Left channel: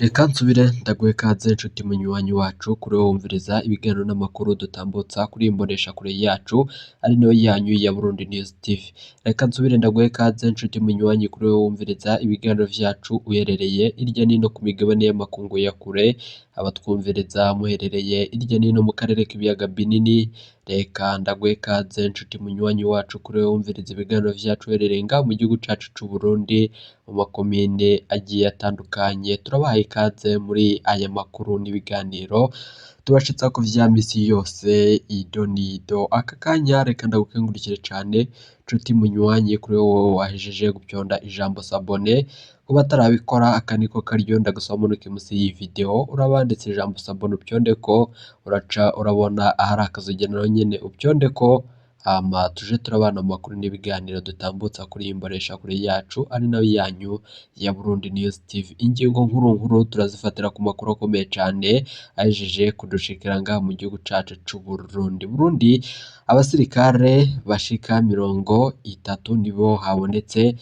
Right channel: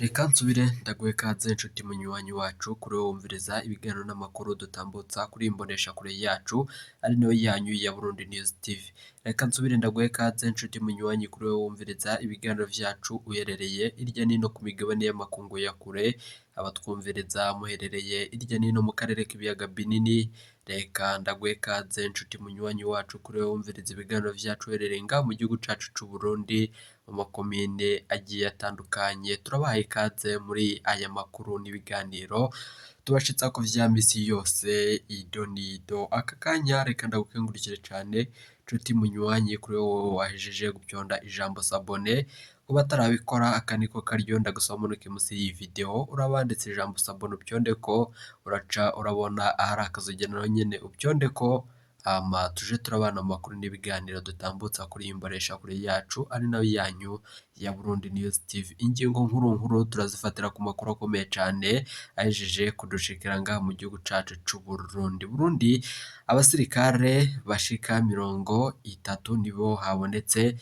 Reka nsubire ndaguhe ikaze nshuti munywanyi wacu kuri wowe wumviriza ibiganiro n'amakuru dutambutsa kuri iyi mboneshakure yacu ari nayo yanyu ya Burundi News TV. Reka nsubire ndaguhe ikaze nshuti munywanyi kuri wowe wumviriza ibiganiro vyacu uherereye irya nino ku migabane y'amakungu ya kure, abatwumviriza muherereye irya nino mu karere k'ibiyaga binini. Reka ndaguhe ikaze nshuti munywanyi wacu kuri wowe wumviriza ibiganiro vyacu uherereye ngaha mu gihugu cacu c'u Burundi mu makomine agiye atandukanye. Turabahaye ikaze muri aya makuru n'ibiganiro tubashitsa ku vya misi yose ido nido. Aka kanya reka ndagukengurukire cane nshuti munywanyi kuri wowe wahejeje gupyonda ijambo sabone. Kuba atarabikora aka niko karyo ndagusaba munuke musi y'iyi video urabanditse ijambo sabone upyondeko, uraca urabona ahari akazogenero nyene upyondeko, hama tuje turabana mu makuru n'ibiganiro dutambutsa kuri iyi mboneshakure yacu ari nayo yanyu ya Burundi News TV. Ingingo nkuru nkuru turazifatira ku makuru akomeye cane ahejeje kudushikira ngaha mu gihugu cacu c'u Burundi. Burundi, abasirikare bashika 30 nibo habonetse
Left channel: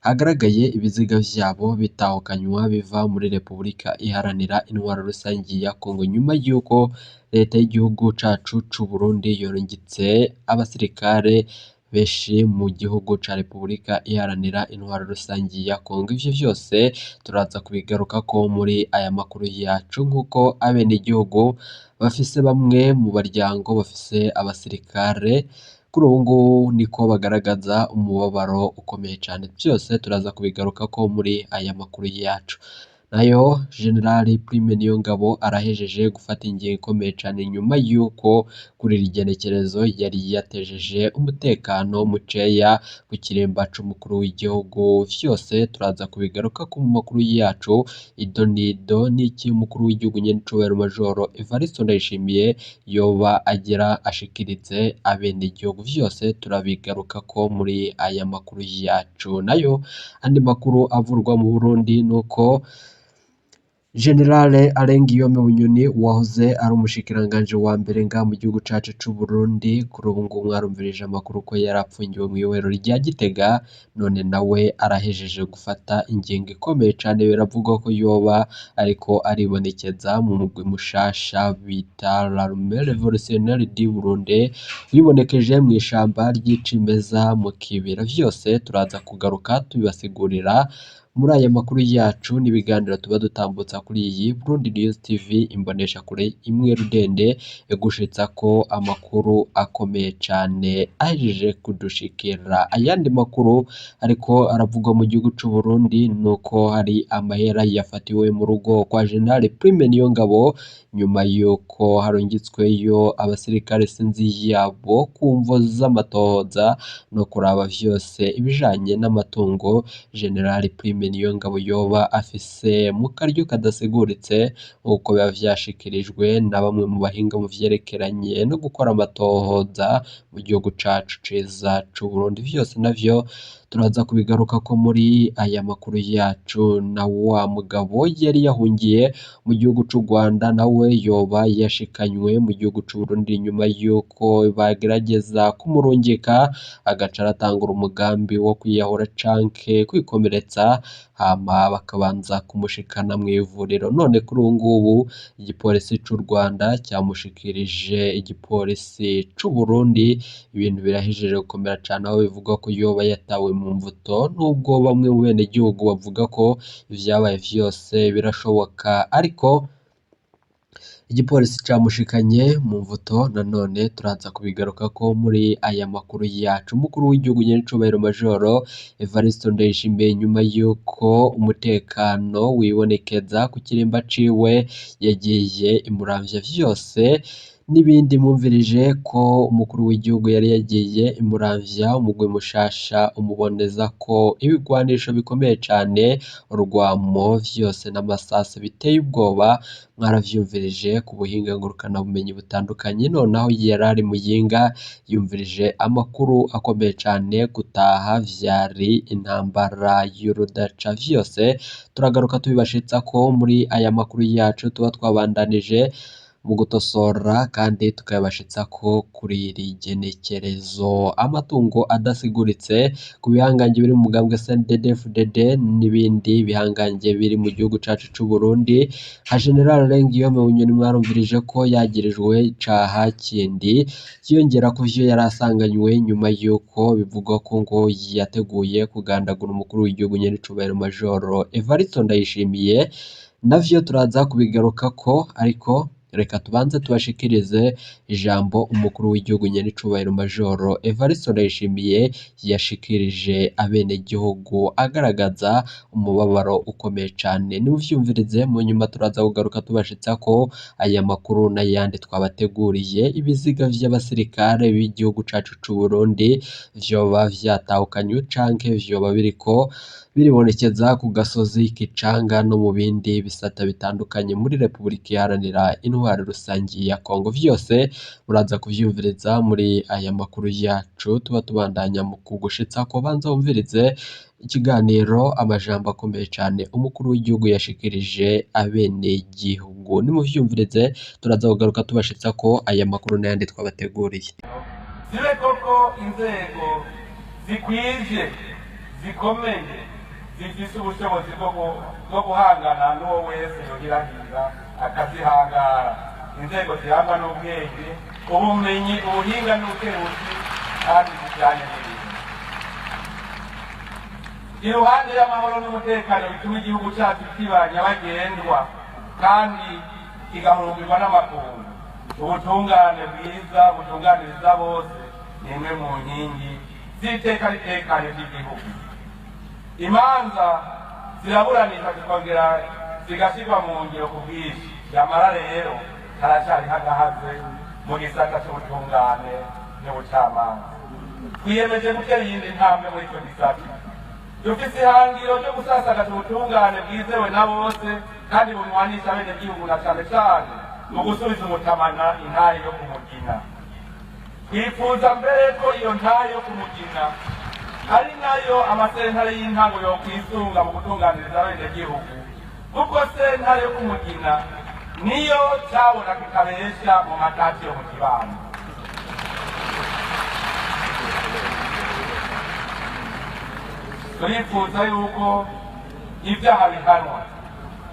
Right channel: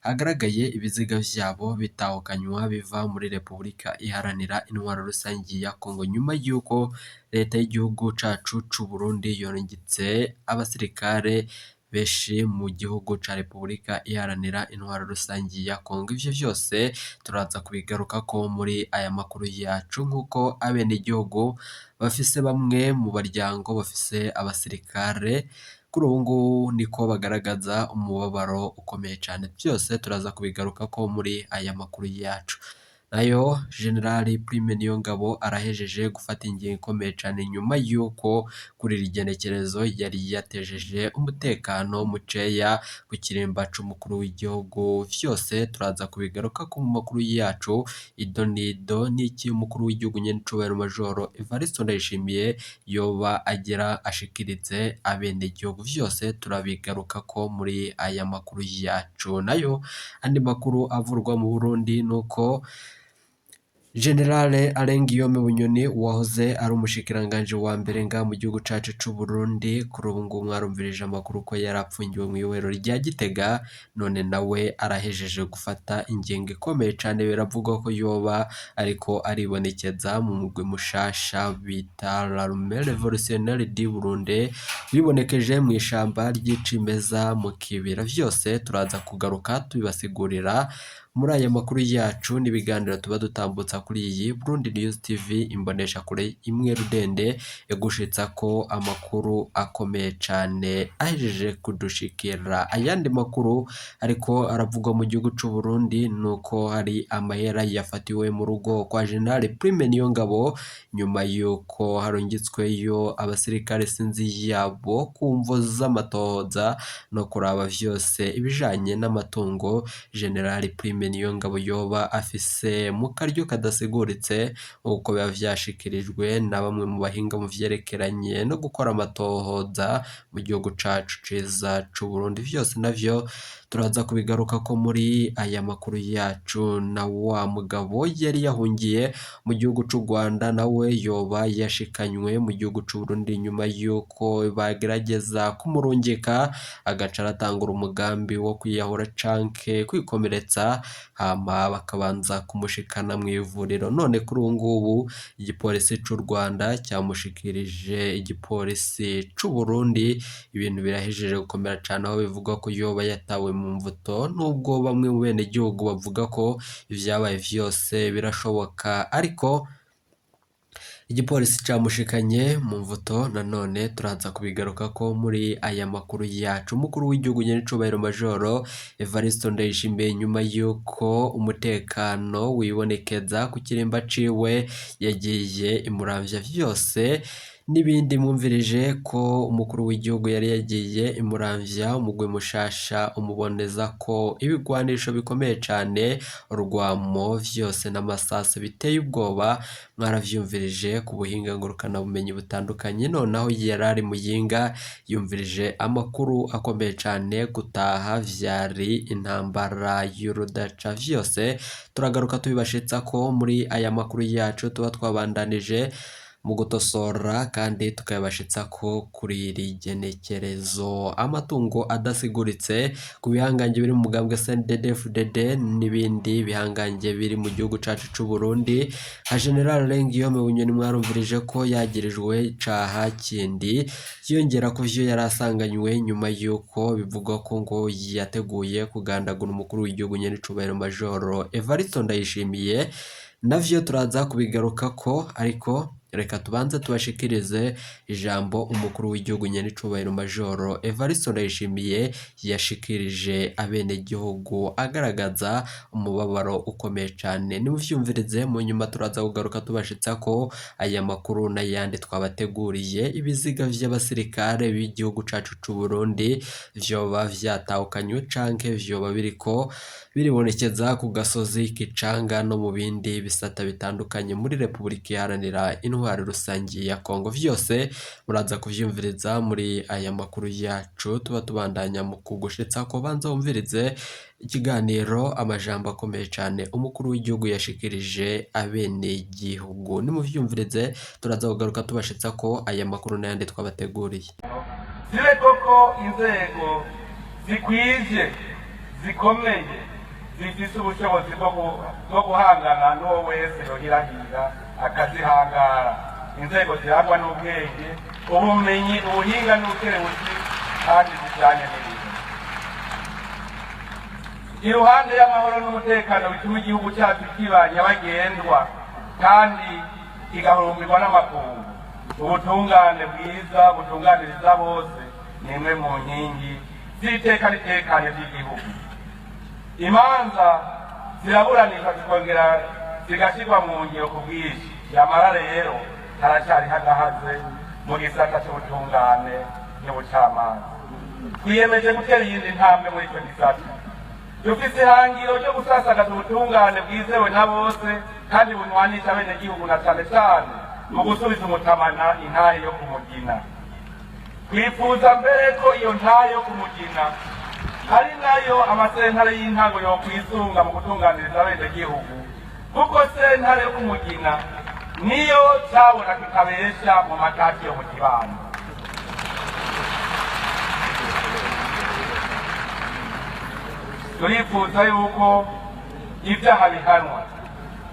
hagaragaye ibiziga vyabo bitahukanywa biva muri Repubulika Iharanira Intwaro Rusangi ya Congo, nyuma yuko leta y'igihugu cacu c'u Burundi yorungitse abasirikare benshi mu gihugu ca Repubulika Iharanira Intwaro Rusangi ya Congo. Ivyo vyose turaza kubigarukako muri aya makuru yacu, nk'uko abenegihugu bafise bamwe mu baryango bafise abasirikare kuri ubu ngubu niko bagaragaza umubabaro ukomeye cane. Vyose turaza kubigarukako muri aya makuru yacu. Nayo Generali Prime Niyongabo arahejeje gufata ingingo ikomeye cane nyuma yuko kuri iri genekerezo yari yatejeje umutekano muceya ku kiremba c'umukuru w'igihugu. Vyose turaza kubigarukako mu makuru yacu ido nido, n'iki umukuru w'igihugu nyene icubahiro Majoro Evariste Ndayishimiye yoba agira ashikirize abenegihugu. Vyose turabigarukako muri aya makuru yacu. Nayo andi makuru avurwa mu Burundi nuko Generale Alengiyome Bunyoni wahoze ari umushikiranganje wa mbere ngaha mu gihugu cacu c'u Burundi, kuri ubu ngubu mwarumvirije amakuru ko yarapfungiwe mu ibohero rya Gitega, none nawe arahejeje gufata ingingo ikomeye cane. Biravugwa ko yoba ariko aribonekeza mu mugwi mushasha bita l'Armée Révolutionnaire du Burundi bibonekeje mu ishamba ry'icimeza mu kibira. Vyose turaza kugaruka tubibasigurira muri aya makuru yacu n'ibiganiro tuba dutambutsa kuri iyi Burundi News TV, imbonesha kure imwe rudende egushitsa ko amakuru akomeye cane ahejeje kudushikira. Ayandi makuru ariko aravugwa mu gihugu c'u Burundi nuko hari amahera yafatiwe mu rugo kwa General Prime Niyongabo nyuma yuko harungitsweyo abasirikare sinzi yabo kumvo z'amatohoza no kuraba vyose ibijanye n'amatungo General Prime Niyongabo yoba afise mu karyo kadasiguritse, nk'uko biba vyashikirijwe na bamwe mu bahinga mu vyerekeranye no gukora amatohoza mu gihugu cacu ciza c'u Burundi. Vyose navyo turaza kubigarukako muri aya makuru yacu. Na wa mugabo yari yahungiye mu gihugu c'u Rwanda nawe yoba yashikanywe mu gihugu c'u Burundi nyuma yuko bagerageza kumurungika agaca aratangura umugambi wo kwiyahura canke kwikomeretsa, hama bakabanza kumushikana mu ivuriro. None kuri ubu ngubu igipolisi c'u Rwanda cyamushikirije igipolisi c'u Burundi. Ibintu birahejeje gukomera cane, aho bivugwa ko yoba yatawe mu mvuto, nubwo bamwe mu bene gihugu bavuga ko ivyabaye vyose birashoboka, ariko igipolisi camushikanye mu mvuto. Nanone turaza kubigarukako muri aya makuru yacu. Umukuru w'igihugu nyene icubahiro Majoro Evariste Ndayishimiye nyuma yuko umutekano wibonekeza ku kirimba ciwe yagiye imuramvya. Vyose n'ibindi mwumvirije ko umukuru w'igihugu yari yagiye imuramvya umugwi mushasha umuboneza ko ibigwanisho bikomeye cane, urwamo, vyose n'amasase biteye ubwoba. Mwaravyumvirije ku buhinga ngurukana bumenyi butandukanye. Nonaho yarari Muyinga yumvirije amakuru akomeye cane, gutaha vyari intambara y'urudaca. Vyose turagaruka tubibashitsa ko muri aya makuru yacu tuba twabandanije mu gutosora kandi tukayabashitsa ko kuri iri genekerezo. Amatungo adasiguritse ku bihangange biri mu mugambwe CNDD-FDD n'ibindi bihangange biri mu gihugu cacu c'u Burundi. General Niyongabo mwarumvirije ko yagirijwe icaha kindi kiyongera ku vyo yari asanganywe nyuma yuko bivugwa ko ngo yateguye kugandagura umukuru w'igihugu nyenicubahiro Majoro Evariste Ndayishimiye. Navyo turaza kubigaruka ko, ariko reka tubanze tubashikirize ijambo umukuru w'igihugu nyenicubahiro Majoro Evariste Ndayishimiye yashikirije abene gihugu agaragaza umubabaro ukomeye cyane. Nimuvyumvirize, mu nyuma turaza kugaruka tubashitsa ko aya makuru n'ayandi twabateguriye. Ibiziga vy'abasirikare b'igihugu cacu c'u Burundi vyoba vyatahukanywe canke vyoba biriko biribonekeza ku gasozi Kicanga no mu bindi bisata bitandukanye muri Repubulika Iharanira Intwaro Rusangi ya Congo. Vyose muraza kuvyumviriza muri aya makuru yacu tuba tubandanya mu kugushitsa ko. Banza wumvirize ikiganiro amajambo akomeye cyane umukuru w'igihugu yashikirije abene gihugu. Nimuvyumvirize, turaza kugaruka tubashitsa ko aya makuru n'ayandi twabateguriye. Zire koko inzego zikwije zikomeye zifise ubushobozi bwo guhangana n'uwo wese yohirahira akazihangara. Inzego zirangwa n'ubwenge, ubumenyi, ubuhinga n'ubukerebuzi kandi zijanye n'ibintu. Iruhande y'amahoro n'umutekano bituma igihugu cyacu kiba nyabagendwa kandi kigahurumbirwa n'amakungu. Ubutungane bwiza butunganiriza bose ni imwe mu nkingi z'iteka ritekanye ry'igihugu. Imanza ziraburanishwa zikongera zigashyirwa mu ngiro ku bwinshi. Nyamara rero haracyari hagahaze mu gisata cy'ubutungane n'ubucamanza. Twiyemeje gutera iyindi ntambwe muri icyo gisata. Dufise ihangiro ryo gusasagaza ubutungane bwizewe na bose kandi bunywanisha abenegihugu na cane cane mu gusubiza umutamana intahe yo kumugina. Twifuza mbere ko iyo ntahe yo kumugina ari nayo amasentare y'intango yo kwisunga mu gutunganiriza abenegihugu, kuko sentare yo kumugina niyo cabona tutabesha mu matati yo mu kibano. Turifuza yuko ibyaha bihanwa.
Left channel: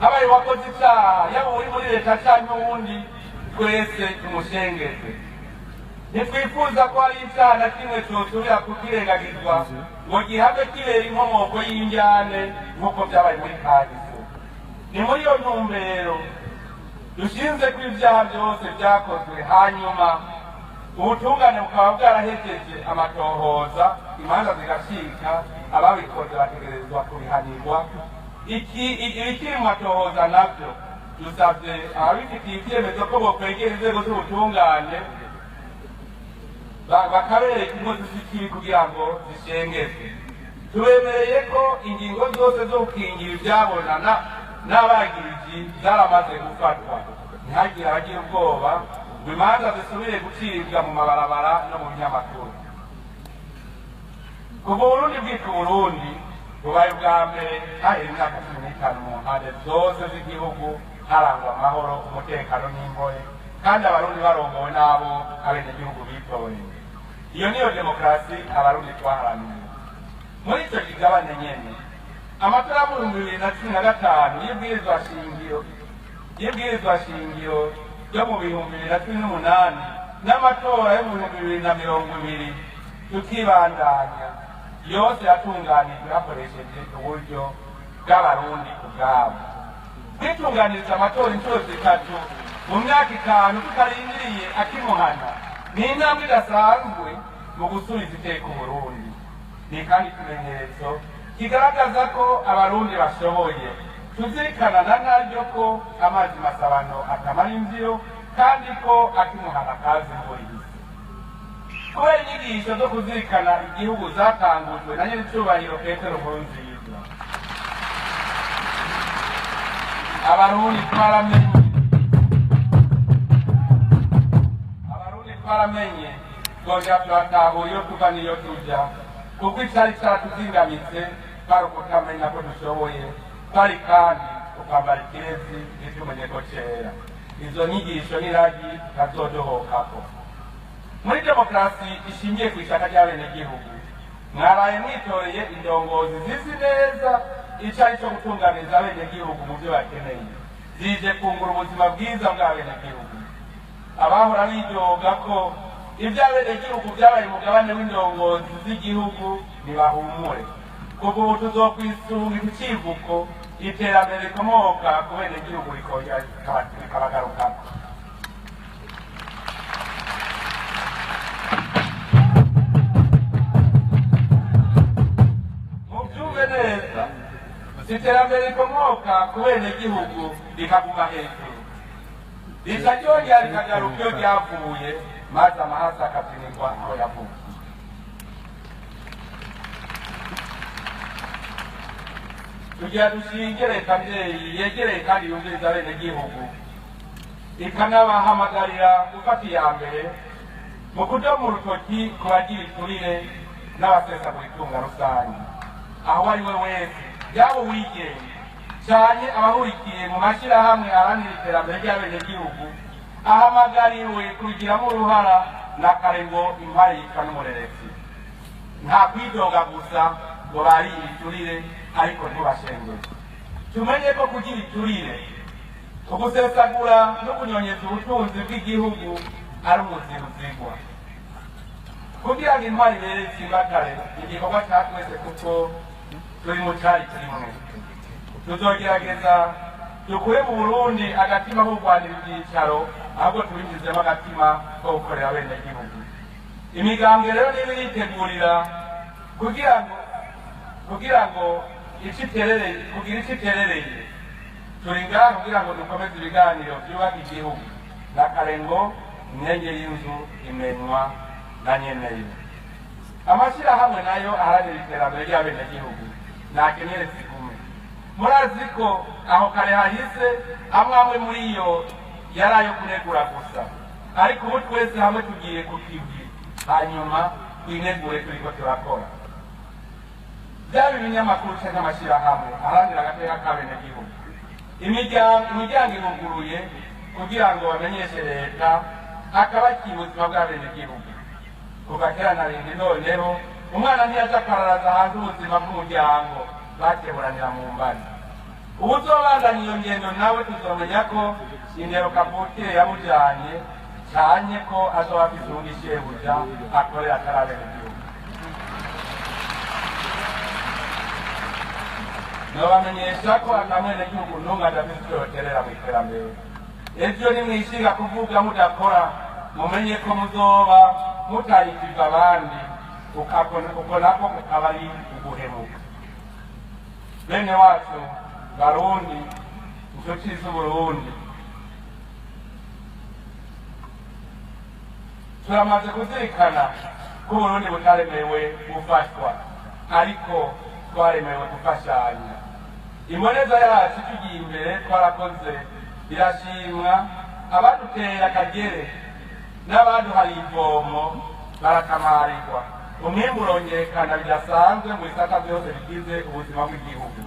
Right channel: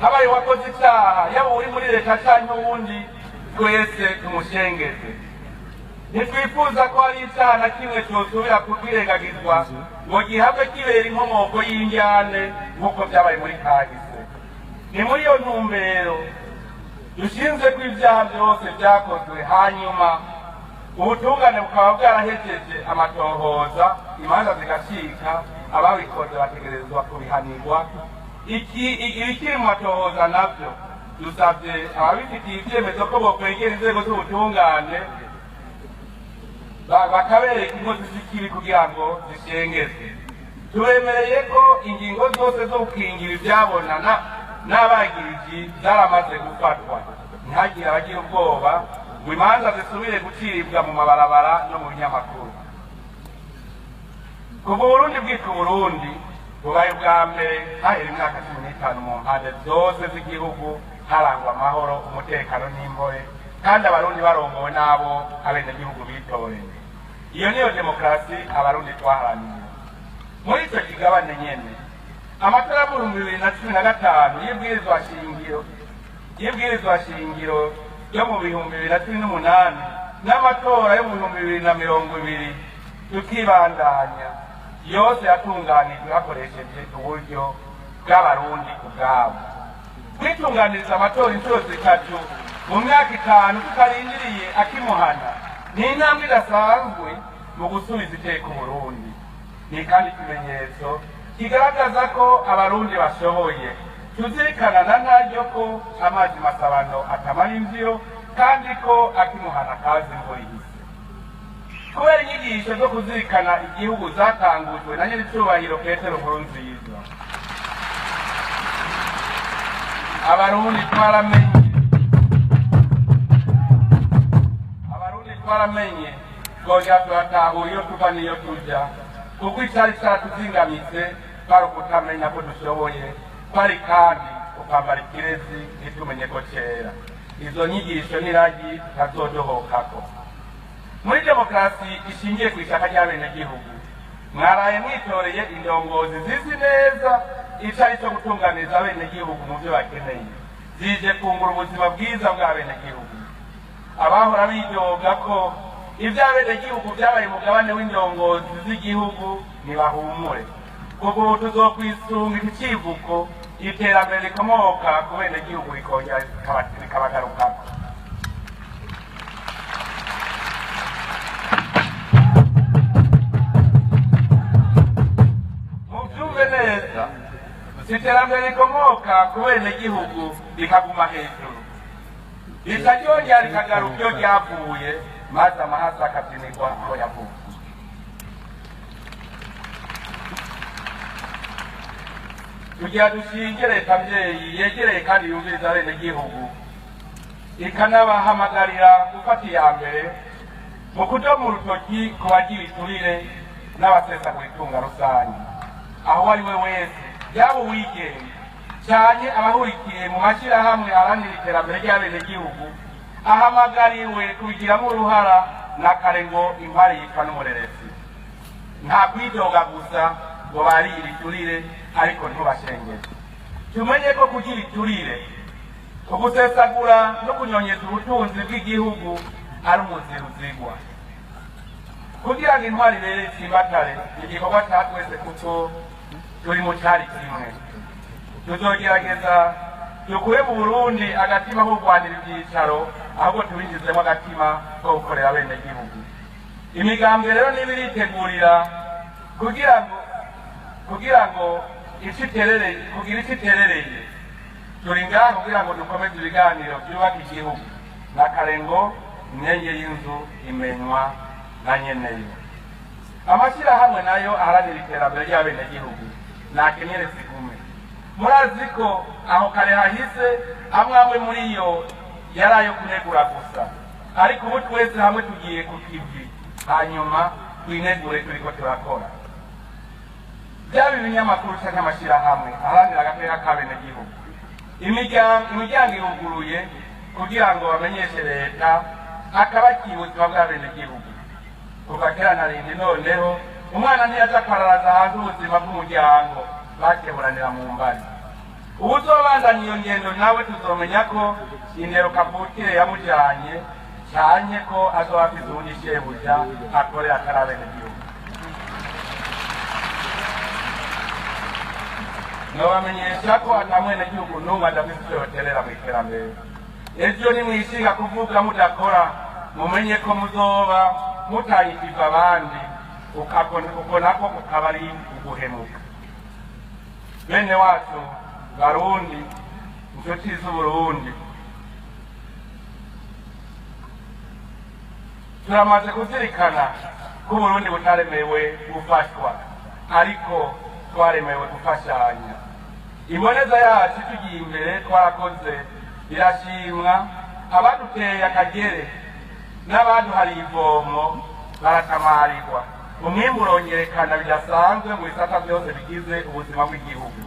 Habaye wakoze icyaha, yaba uri muri leta canke uwundi, twese tumushengeze. Ntitwifuza ko hari icyaha na kimwe cyosubira kwirengagizwa ngo gihabwe kibera inkomoko y'injyane nk'uko byabaye muri kahise. Ni muri iyo ntumbero dushinze ko ibyaha byose byakozwe, hanyuma ubutungane bukaba bwarahejeje amatohoza, imanza zigacika, ababikoze bategerezwa kubihanirwa. Ikiri mu matohoza navyo dusavye ababifitiye ivyemezo ko bokwegera inzego z'ubutungane bakabereka inkozi z'ikibi kugira ngo zishengezwe. Tubemereye ko ingingo zose zo gukingira ivyabonana n'abagiriji zaramaze gufatwa. Ntihagire abagira ubwoba ngo imanza zisubire gucibwa mu mabarabara no mu binyamakuru. Kuva Burundi bwitwa Burundi bubaye ubwa mbere hahera imyaka 15 mu mpande zose z'igihugu harangwa amahoro, umutekano n'imbohe, kandi abarundi barongowe n'abo abenegihugu bitoye. Iyo niyo demokarasi abarundi twaharaniye. Muri ico kigabane nyene, amatora mu 2015 y'ibwirizwa shingiro yo mu 2018 n'amatora yo mu 2020 tukibandanya, yose yatunganijwe hakoresheje uburyo bw'abarundi ubwabo. Kwitunganiriza amatora inshuro 3 mu myaka 5 tutarindiriye akimuhana ni intambwe idasanzwe mu gusubiza iteka Uburundi. Ni kandi ikimenyetso kigaragaza ko abarundi bashoboye. Tuzirikana na ntaryo ko amazi masabano atamara imviro kandi ko akimuhana kazi imvura. Kubera inyigisho zo kuzirikana igihugu zatangujwe na nyenicubahiro Petero Nkurunziza, abarundi twaramenye twoja turatahura iyo tuva n'iyo tuja, kuko icari catuzingamitse kwari ukutamenya ko dushoboye, kwari kandi ukwambara ikirezi ntitumenye ko cera. izo nyigisho n'iragi tutazodohokako. Muri demokarasi ishingiye ku ishaka ry'abenegihugu mwaraye mwitoreye indongozi zizi neza ico ari cyo gutunganiriza abenegihugu mu byo bakeneye, zije kungura ubuzima bwiza bw'abenegihugu. Abahora bidoga ko ivy'abenegihugu vyabaye umugabane w'indongozi z'igihugu ntibahumure, kuko ubu tuzokwisunga ikivuko iterambere rikomoka ku benegihugu rikongera rikabagarukako. Muvyumve neza, iterambere rikomoka ku benegihugu rikaguma hejuru, rica ryongera rikagaruka iyo ryavuye, maze amahasa akazimirwa aho yavuye. Tugira dushinge leta mvyeyi yegereye kandi yumviriza abenegihugu, ikanabahamagarira gufata iya mbere mu kudomo urutoki ku bagira iturire n'abasesagura itunga rusange. Aho ari we wese, yaba uwigenga canke abahurikiye mu mashirahamwe aharanira iterambere ry'abenegihugu, ahamagariwe kubigiramo uruhara na kare ngo impari yitwa n'umureresi. Nta kwidoga gusa ngo barire iturire ariko ntibashengere. Tumenye ko kugira iturire, ugusesagura no kunyonyeza ubutunzi bw'igihugu ari umuziro uzigwa. Kugira ngo intwari rero itsimbatare igikorwa ca twese, kuko turi mu cari kimwe. Tuzogerageza dukure mu Burundi agatima ko kurwanira ivyicaro, ahubwo tubinjizemo agatima ko gukorera abenegihugu. Imigambwe rero niba iritegurira kugira ngo ico iterereye, turi ngaha kugira ngo dukomeze ibiganiro vyubaka igihugu. Na kare ngo imyenge y'inzu imenywa na nyeneyo. Amashirahamwe nayo aharanira iterambere ry'abenegihugu nakenyere zigume. Murazi ko aho kare hahise amwe muri yo yari ayo kunegura gusa, ariko ubu twese hamwe tugiye ku kivi, hanyuma twinegure turiko turakora. Byaba ibinyamakuru canke amashirahamwe aharanira agateka k'abenegihugu, imiryango iruguruye kugira ngo bamenyeshe leta akabakira ubuzima bw'abenegihugu. Kuva kera na rindi noneho umwana ntiyaja akararaza hanze ubuzima bw'umuryango, bakeburanira mu mbani. Ubu uzobandanya iyo ngendo nawe tuzomenya ko indero kavukire yamujanye, canke ko azoba afise uwundi shebuja akorera atari abenegihugu. Nobamenyesha ko ata mwenegihugu n'umwe adafise ico yoterera mw'iterambere. Ejo nimwishinga kuvuga mudakora, mumenye ko muzoba mutayikiza abandi, uko nako kukaba ari uguhemuka. Bene wacu Barundi, inshuti z'Uburundi, turamaze kuzirikana ko Uburundi butaremewe gufatwa, ariko twaremewe gufashanya. Imboneza yacu tugiye imbere twarakoze irashimwa, abaduteye akagere n'abaduhaye ivomo barakamarirwa. Umwimbu urongerekana bidasanzwe mu bisata byose bigize ubuzima bw'igihugu.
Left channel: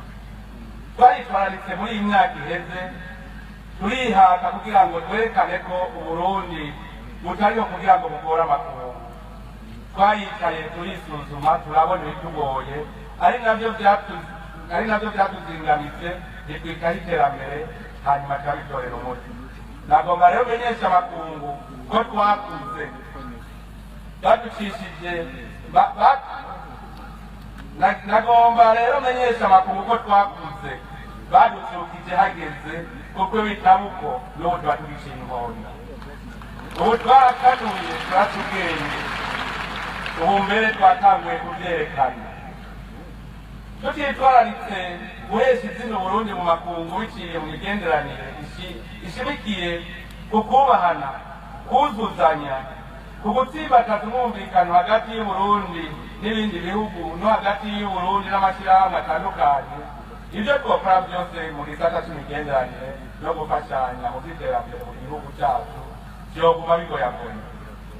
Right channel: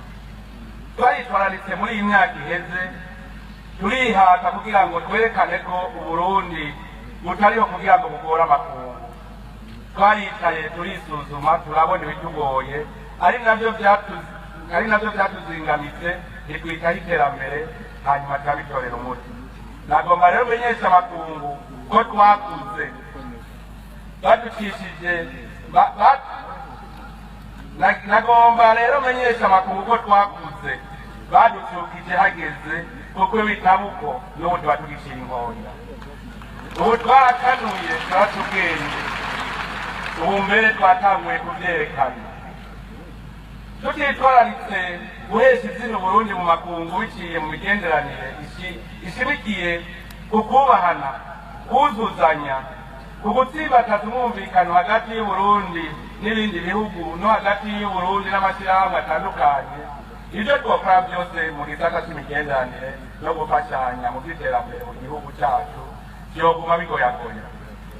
Twayitwararitse muri iyi myaka iheze, turihata kugira ngo twerekane ko Uburundi butariho kugira ngo bugore amakungu. Twaricaye turisuzuma, turabona ibitugoye, ari navyo vyatuzingamitse, ntitwitaho iterambere, hanyuma turabitorera umuti. Nagomba rero menyesha amakungu ko twakuze baducishije nagomba rero menyesha amakungu ko twakuze baducukije hageze, kuko bitabuko n'ubu tuba tugiciye inkonda. Ubu twarakanuye turatubwenge, ubu mbere twatanguye kuvyerekana. Tutitwararitse guhesha izina Uburundi mu makungu biciye mu migenderanire ishimikiye ku kubahana, kuzuzanya, ku gutsimbataza umwumvikano hagati y'Uburundi n'ibindi bihugu, no hagati y'Uburundi n'amashirahamwe atandukanye. Ivyo twokora byose mu gisata c'imigenderanire no gufashanya mu vy'iterambere mu gihugu cacu vyoguma bigoyagoya.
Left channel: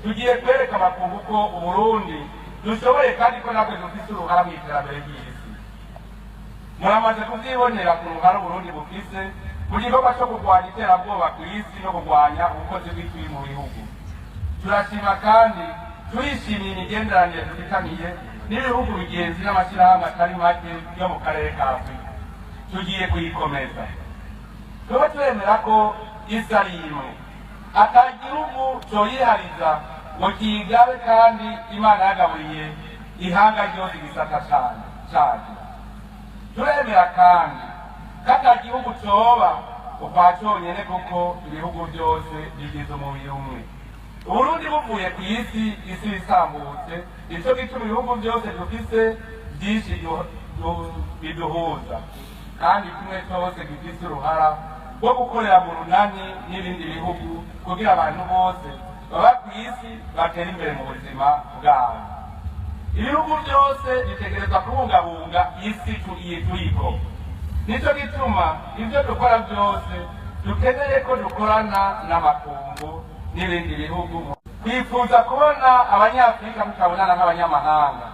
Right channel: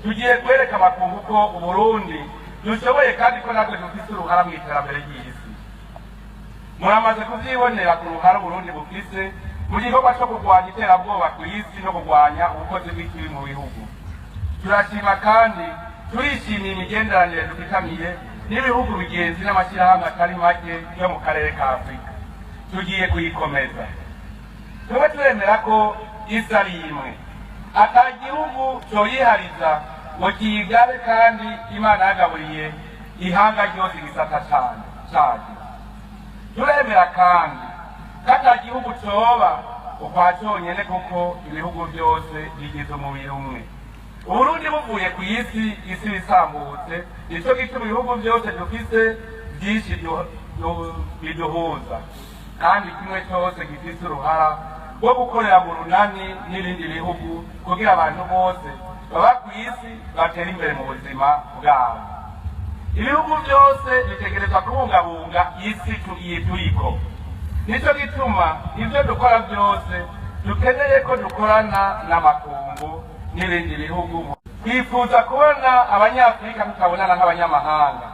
Tugiye kwereka amakungu ko Uburundi dushoboye kandi ko natwe dufise uruhara mw'iterambere ry'isi. Muramaze kuvyibonera ku ruhara Uburundi bufise mu gikorwa cyo kurwanya iterabwoba ku isi no kurwanya ubukozi bw'ikibi mu bihugu. Turashima kandi turishimiye imigenderanire dufitaniye n'ibihugu bigenzi n'amashyirahamwe atari make yo mu karere ka Afurika. Tugiye kuyikomeza. Tuba turemera ko isi ari imwe, ata gihugu coyihariza ngo kiyigabe, kandi Imana yagaburiye ihanga ryose igisata cyane. Turemera kandi ko ata gihugu coba ukwa cyonyene, kuko ibihugu byose bigize umubiri umwe. Uburundi buvuye ku isi isambutse, nico gituma ibihugu byose dufise byinshi biduhuza, kandi kimwe cyose gifise uruhara rwo gukorera mu runani n'ibindi bihugu kugira abantu bose baba ku isi batera imbere mu buzima bwabo. Ibihugu byose bitegerezwa kubungabunga isi turiko. Nico gituma ibyo dukora byose dukeneye ko dukorana n'amakungu n'ibindi bihugu. Twifuza kubona abanyafurika tutabonana nk'abanyamahanga,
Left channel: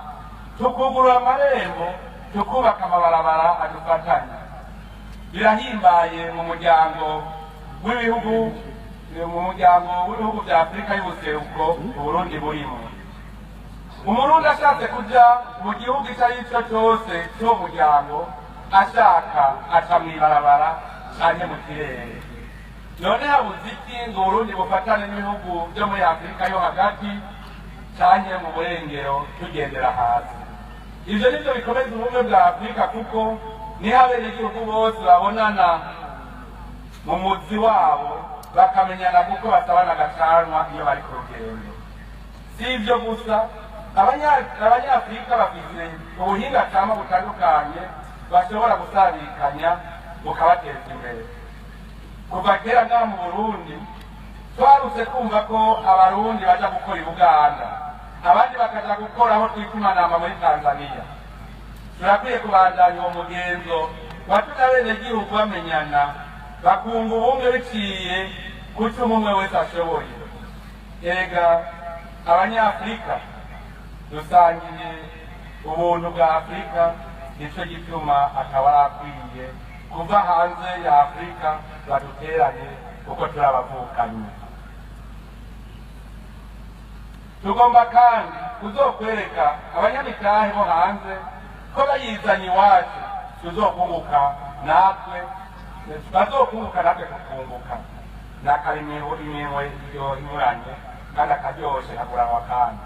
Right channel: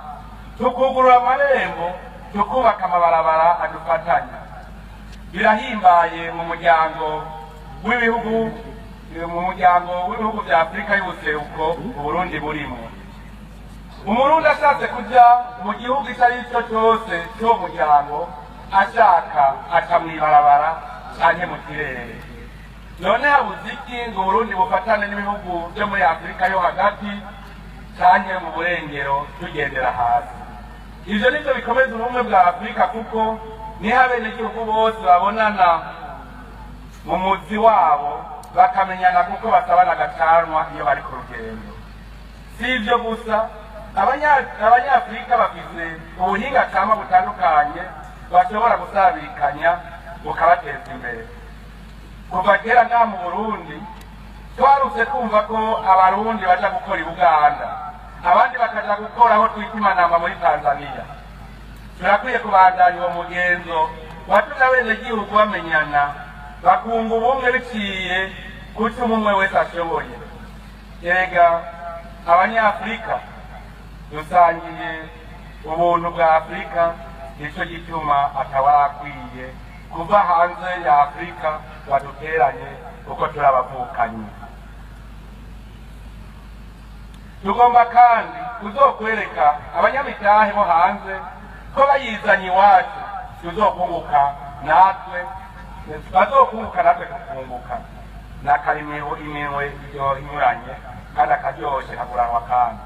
tukugurura amarembo, tukubaka amabarabara adufatanya. Birahimbaye mu muryango w'ibihugu bya Afurika y'ubuseruko Uburundi burimo. Umurundi ashatse kuja mu gihugu icyo ari cyo cyose cy'uwo muryango, ashaka aca mw'ibarabara canke mu kirere. None habuze iki ngo Uburundi bufatane n'ibihugu byo muri Afurika yo hagati canke mu burengero tugendera hasi? Ivyo nivyo bikomeza ubumwe bwa Afurika, kuko niho abenegihugu bose babonana mu muzi wabo, bakamenyana kuko basabana agacanwa iyo bari ku rugendo. Si ivyo gusa, abanyafurika bafise ubuhinga cama butandukanye bashobora gusabikanya bukabateza imbere. Kuva kera ngaha mu Burundi twarutse kumva ko abarundi baja gukora i Buganda, abandi bakaja gukora aho twita Imanamba muri Tanzania. Turakwiye kubandanya uwo mugenzo watuma abenegihugu bamenyana, bakunga ubumwe biciye kuco umwe wese ashoboye. Ega abanyafurika dusangiye ubuntu bwa Afurika, nico gituma akaba akwiye kuva hanze ya Afurika baduteranye kuko turabavukanyi. Tugomba kandi kuzokwereka abanyamitahe bo hanze ko bayizanye iwacu tuzokunguka natwe, bazokunguka natwe tukunguka. N'akarimiro iminwe inyuranye kandi akaryoshe kakuranwa kandi.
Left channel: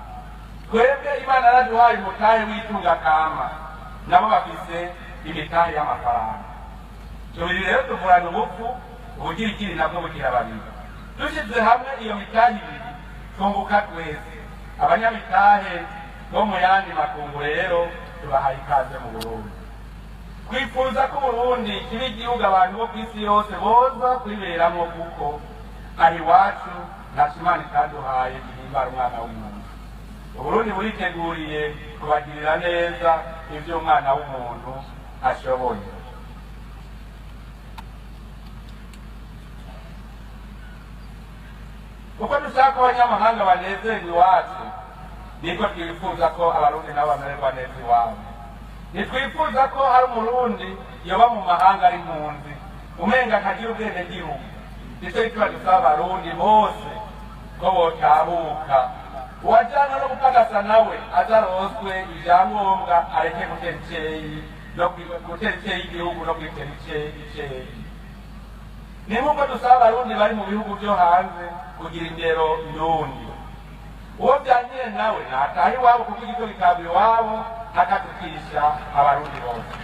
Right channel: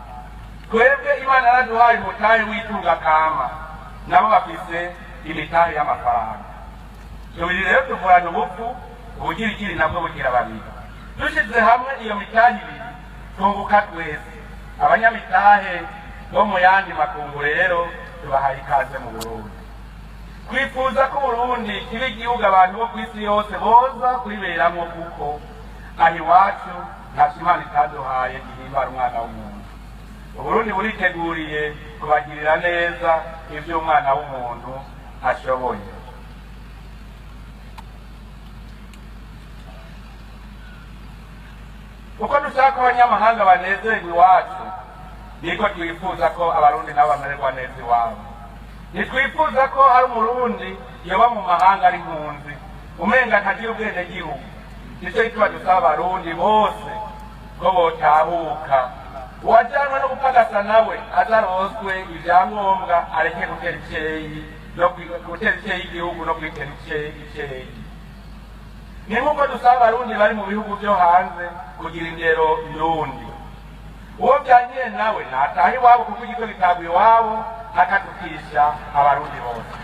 Twebwe Imana yaraduhaye umutahe w'itunga kama, nabo bafise imitahe y'amafaranga. Tubiri rero tuvuranye ubupfu, ubugirigiri nabwo bugira babiri. Dushize hamwe iyo mitahe ibiri tunguka twese. Abanyamitahe bo mu yandi makungu rero tubahaye ikaze mu Burundi. Twifuza ko Burundi kiba igihugu abantu bo ku isi yose boza kwiberamwo, kuko ari iwacu ntacyo Imana itaduhaye gihimbara umwana w'umuntu. Uburundi buriteguriye kubagirira neza ivyo umwana w'umuntu ashoboye. Uko dushaka abanyamahanga banezerwa iwacu, niko twifuza ko abarundi nabo bamererwa neza iwabo. Ntitwifuza ko hari umurundi yoba mu mahanga ari impunzi, umenga ntagira ubwenegihugu. Nico gituma dusaba abarundi bose ko botahuka, uwajanywe no gupagasa nawe azaronswe ivyangombwa, areke gutera iceyi igihugu no kwitera iceyi. Ni nk'uko dusaba abarundi bari mu bihugu vyo hanze kugira indero ndundi. Uwo vyangire nawe nataha iwabo, kuko igito gitabwa iwabo, akadukisha abarundi bose.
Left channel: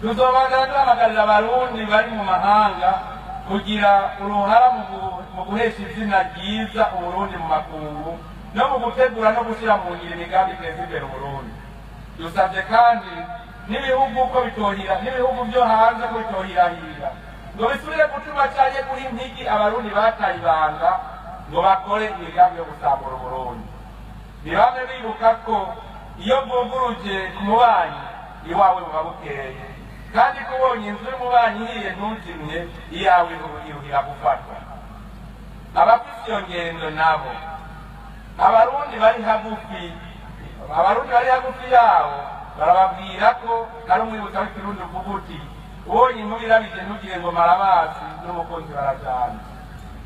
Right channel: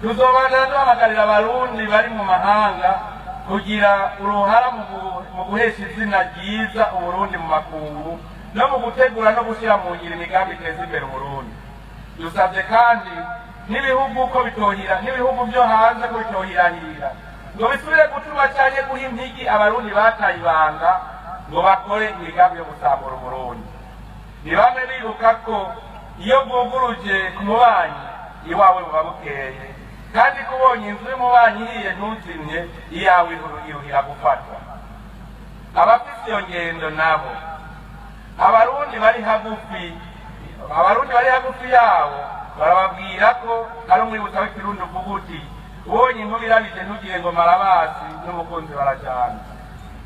Tuzobandana duhamagarira abarundi bari mu mahanga kugira uruhara mu guhesha izina ryiza Uburundi mu makungu, no mu gutegura no gushyira mu ngiro imigambi iteza imbere Uburundi. Dusabye kandi n'ibihugu vyo hanze ko bitohirahira ngo bisubire gutuma cyane guha impigi abarundi bataye ibanga ngo bakore imigambi yo gusambura Uburundi. Ntibame bibuka ko iyo bwuguruje ku mubanyi iwawe buba bukeye, kandi kubonye inzu y'umubanyi ihiye ntuzimye, iyawe iruhira gufatwa. Abafise iyo ngendo nabo, abarundi bari hagufi yabo barababwira ko ari umwibutsa w'ikirundi uvuga uti ubonye inkuba irabije ntugire ngo marabasi n'umukunzi barajyana.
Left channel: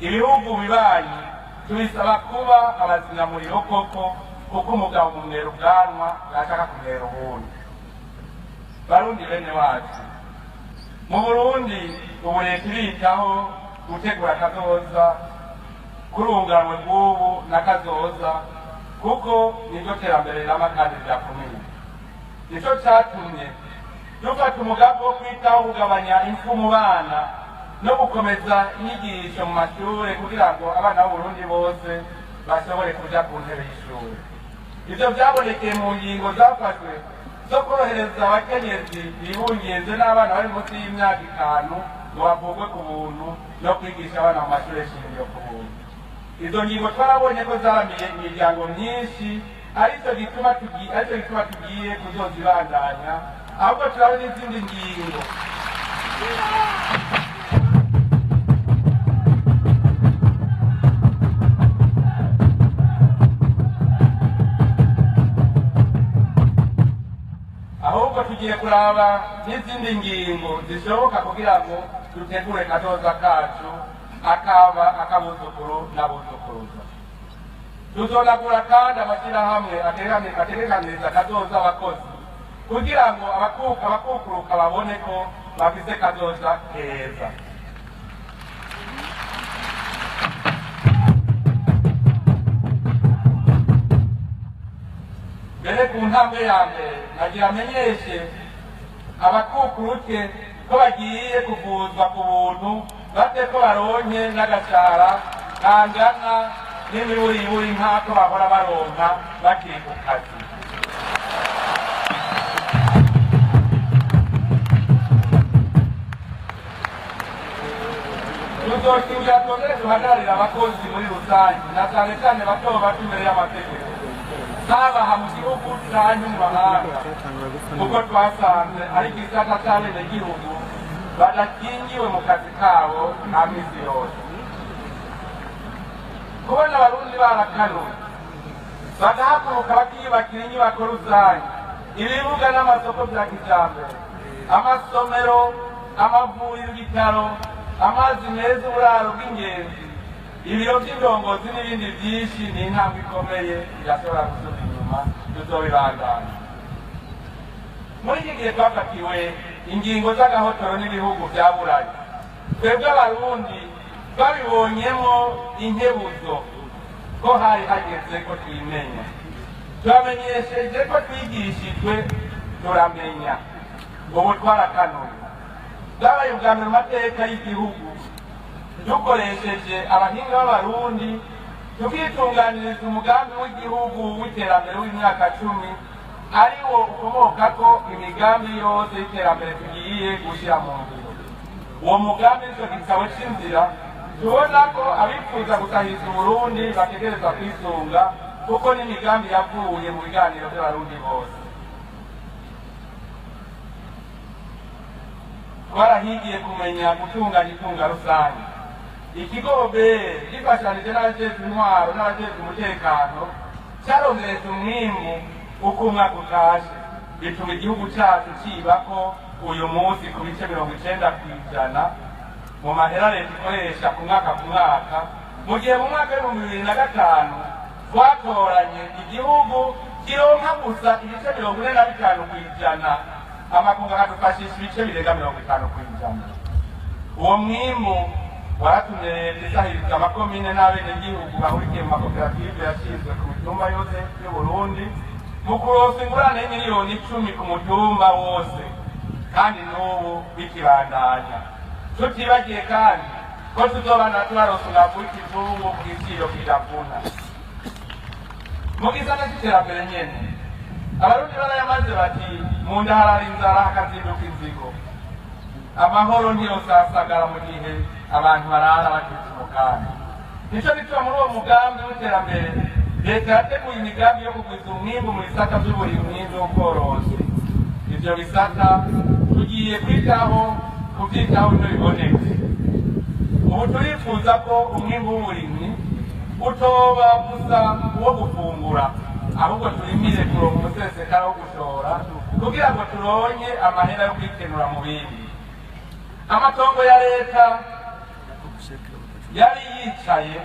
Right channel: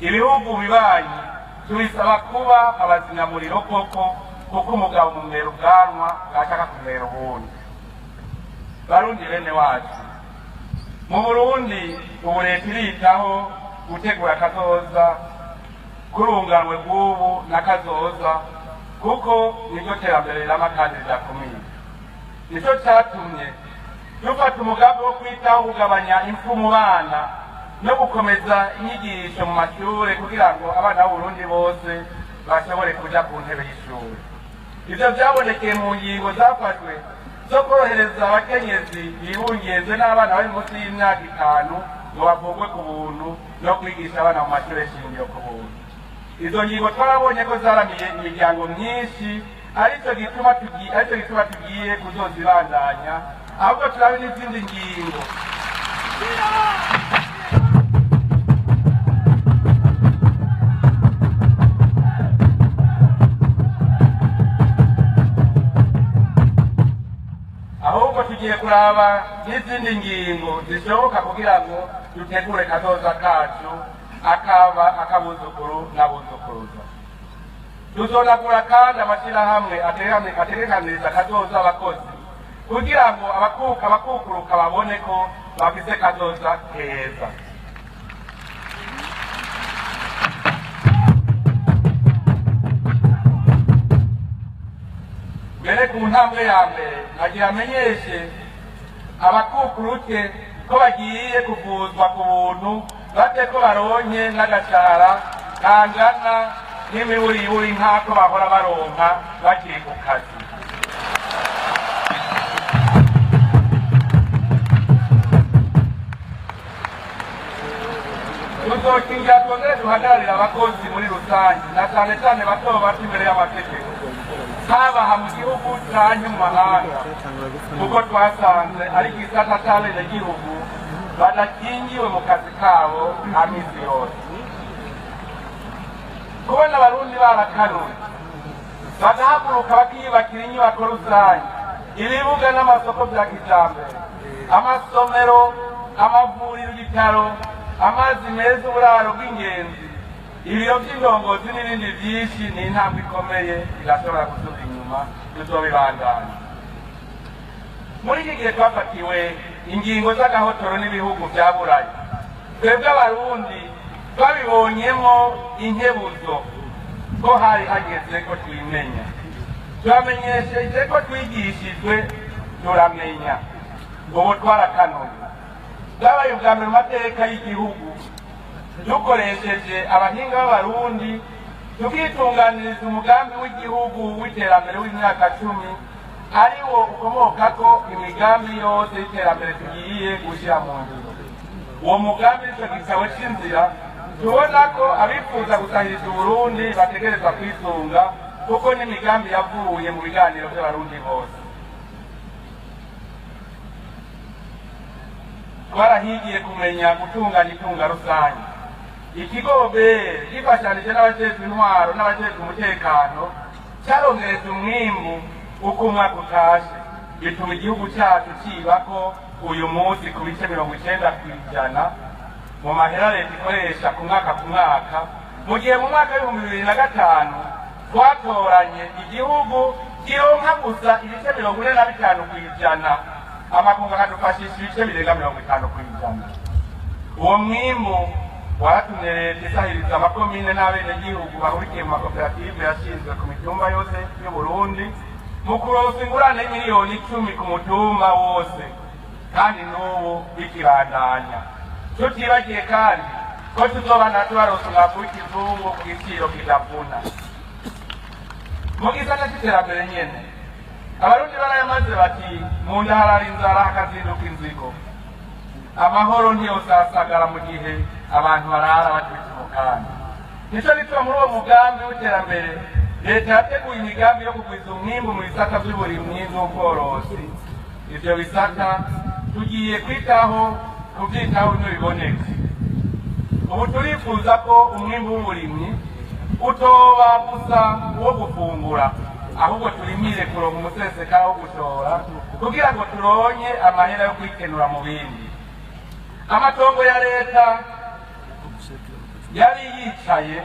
Ibihugu bibanyi tubisaba kuba abazinamuriro koko, kuko umugabo umumwera ubwanwa bwashaka kumwera ubundi. Barundi bene wacu, mu Burundi ubu leta iritaho gutegura kazoza kurunganwe bw'ubu n'akazoza, kuko nibwo terambere n'amakandi vyakomeye. Nico catumye dufata umugambi wo kwitaho kugabanya impfu mu bana no gukomeza inyigisho mu mashure kugira ngo abana b'Uburundi bose bashobore kuja ku ntebe y'ishure. Ivyo vyabonekeye mu ngingo zafashwe zo korohereza abakenyezi bibungenze n'abana bari munsi y'imyaka 5 ngo bavugwe ku buntu no kwigisha abana mu mashure shingiro ku buntu. Izo ngingo twarabonye ko zaramiye imiryango myinshi, aricyo gituma tugiye kuzozibandanya, ahubwo turabe n'izindi ngingo tugiye kuraba n'izindi ngingo zishoboka kugira ngo dutegure kazoza kacu akaba akabuzukuru n'abuzukuruza. Tuzonagura kandi amashyirahamwe ategekaniriza kazoza abakozi kugira ngo abakukuruka babone ko bafise kazoza keza. Mbere ku ntambwe ya mbere nagira amenyeshe abakukuruke ko bagiye kuvuzwa ku buntu, bate ko baronke n'agashara kangana n'imiburiburi nk'ako bahora baronka bakiri ku kazi. Tuzokingira twongere duhagararira abakozi muri rusange, na cyane cyane bato bato imbere y'amategeko, haba mu gihugu canke mu mahanga, kuko twasanze ari igisata c'abenegihugu badakingiwe mu kazi kabo nta misi yose. Kubona abarundi barakanuye bagahaguruka bakiyubakira inyubako rusange, ibibuga n'amasoko vya kijambere, amasomero, amavuriro, ibitaro, amazi meza, uburaro bw'ingenzi, ibiro vy'indongozi n'ibindi vyinshi, ni intambwe ikomeye irashobora gusuka inyuma, tuzobibandanya. Muri iki gihe twafatiwe ingingo z'agahotoro n'ibihugu vyaburaye, twebwe abarundi twabibonyemo inkebuzo ko hari hageze ko twimenya. Turamenyesheje ko twigishijwe turamenya, ubu twarakanuye. Bwabaye ubwa mbere mu mateka y'igihugu dukoresheje abahinga b'abarundi tukitunganiriza umugambi w'igihugu w'iterambere w'imyaka 10, ariwo ukomokako imigambi yose y'iterambere tugiye gushyira mu ngiro. Uwo mugambi ico gitabo c'inzira tubona ko abifuza gutahiriza Uburundi bategerezwa kwisunga, kuko n'imigambi yavuye mu biganiro by'abarundi bose. Twarahigiye kumenya gutunganya itunga rusange. Ikigobe gifashanije n'abajejwe intwaro n'abajejwe umutekano cyarongereza umwimbu uko umwaka utashe, bituma igihugu cyacu kibako uyu munsi ku bice 90% mu mahera leta ikoresha ku mwaka, mu gihe mu mwaka w'2005 twatoranye igihugu kironka gusa ibice 45%, amakungu akadufashisha ibice birenga 50%. Uwo mwimbu waratumye leta isahiriza amakomine n'abenegihugu bahurikiye mu makoperative yashinzwe ku mitumba yose y'Uburundi mu kuronsa ingurane miliyoni 10 ku mutumba wose, kandi n'ubu bikibandanya. Tutibagiye kandi ko tuzobana tubaronsa umwavu w'ikizungu ku giciro kidavuna. Mu gisata c'iterambere nyene abarundi barayamaze bati mu nda harara inzara hakazinduka inzigo. Amahoro ntiyosasagara mu gihe abantu barara bacitse umukanda. Nico nico muri uwo mugambi w'iterambere leta yateguye imigambi yo kugwiza umwimbu mu bisata vy'uburimyi n'ubworozi. Ivyo bisata tugiye kwitaho kuvyitaho n'ibibonetse. Ubu turifuza ko umwimbu w'uburimyi utoba gusa uwo gufungura, ahubwo turimire kuronka umusesekara wo gushora kugira ngo turonke amahera yo kwikenura mu bindi. Amatongo ya leta yari yicaye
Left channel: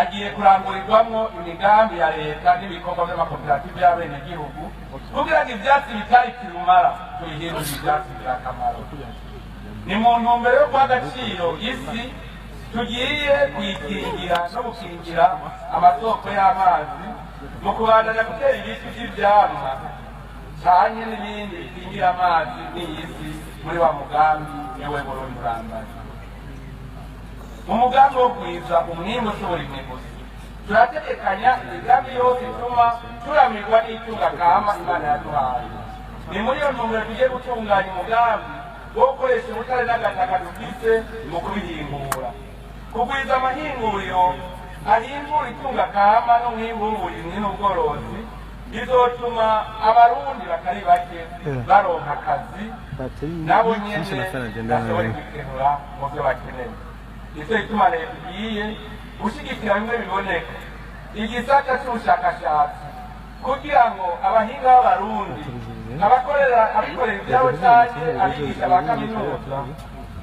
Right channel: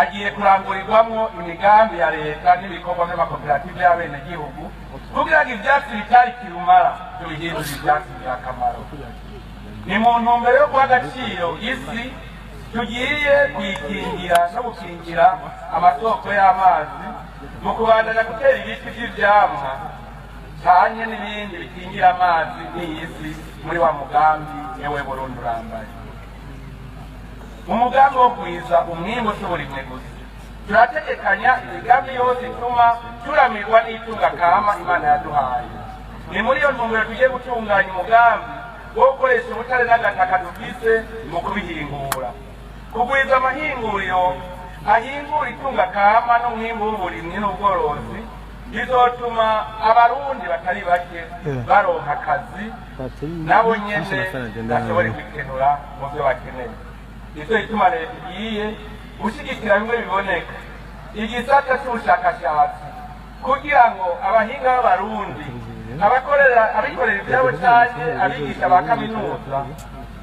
agiye kurangurirwamwo imigambi ya leta n'ibikorwa by'amakoperative y'abenegihugu kugira ngo ivyatsi bitari kirumara tubihindure ivyatsi vy'akamaro. Ni mu ntumbero yo guha agaciro isi tugiye kuyikingira no gukingira amasoko y'amazi mu kubandanya gutera ibiti vy'ivyamwa canye n'ibindi bikingira amazi n'isi muri wa mugambi yewe Burundi urambaye. Mu mugambi wo kwiza umwimbu ushobora imwe gusa turategekanya imigambi yose ituma turamirwa n'itunga kama Imana yaduhaye. Ni muri iyo ntumbero tugiye gutunganya umugambi wo gukoresha ubutare n'agataka dufise mu kubihingura, kugwiza amahinguriro ahingura itunga kama n'umwimbu w'uburimyi n'ubworozi bizotuma abarundi batari bake baronka akazi nabo nyene bashobore kwikenura mu byo bakeneye. Nicyo gituma leta igiye gushyigikira bimwe biboneka igisata cy'ubushakashatsi kugira ngo abahinga b'abarundi abikorera ibyabo cyane abigisha ba kaminuza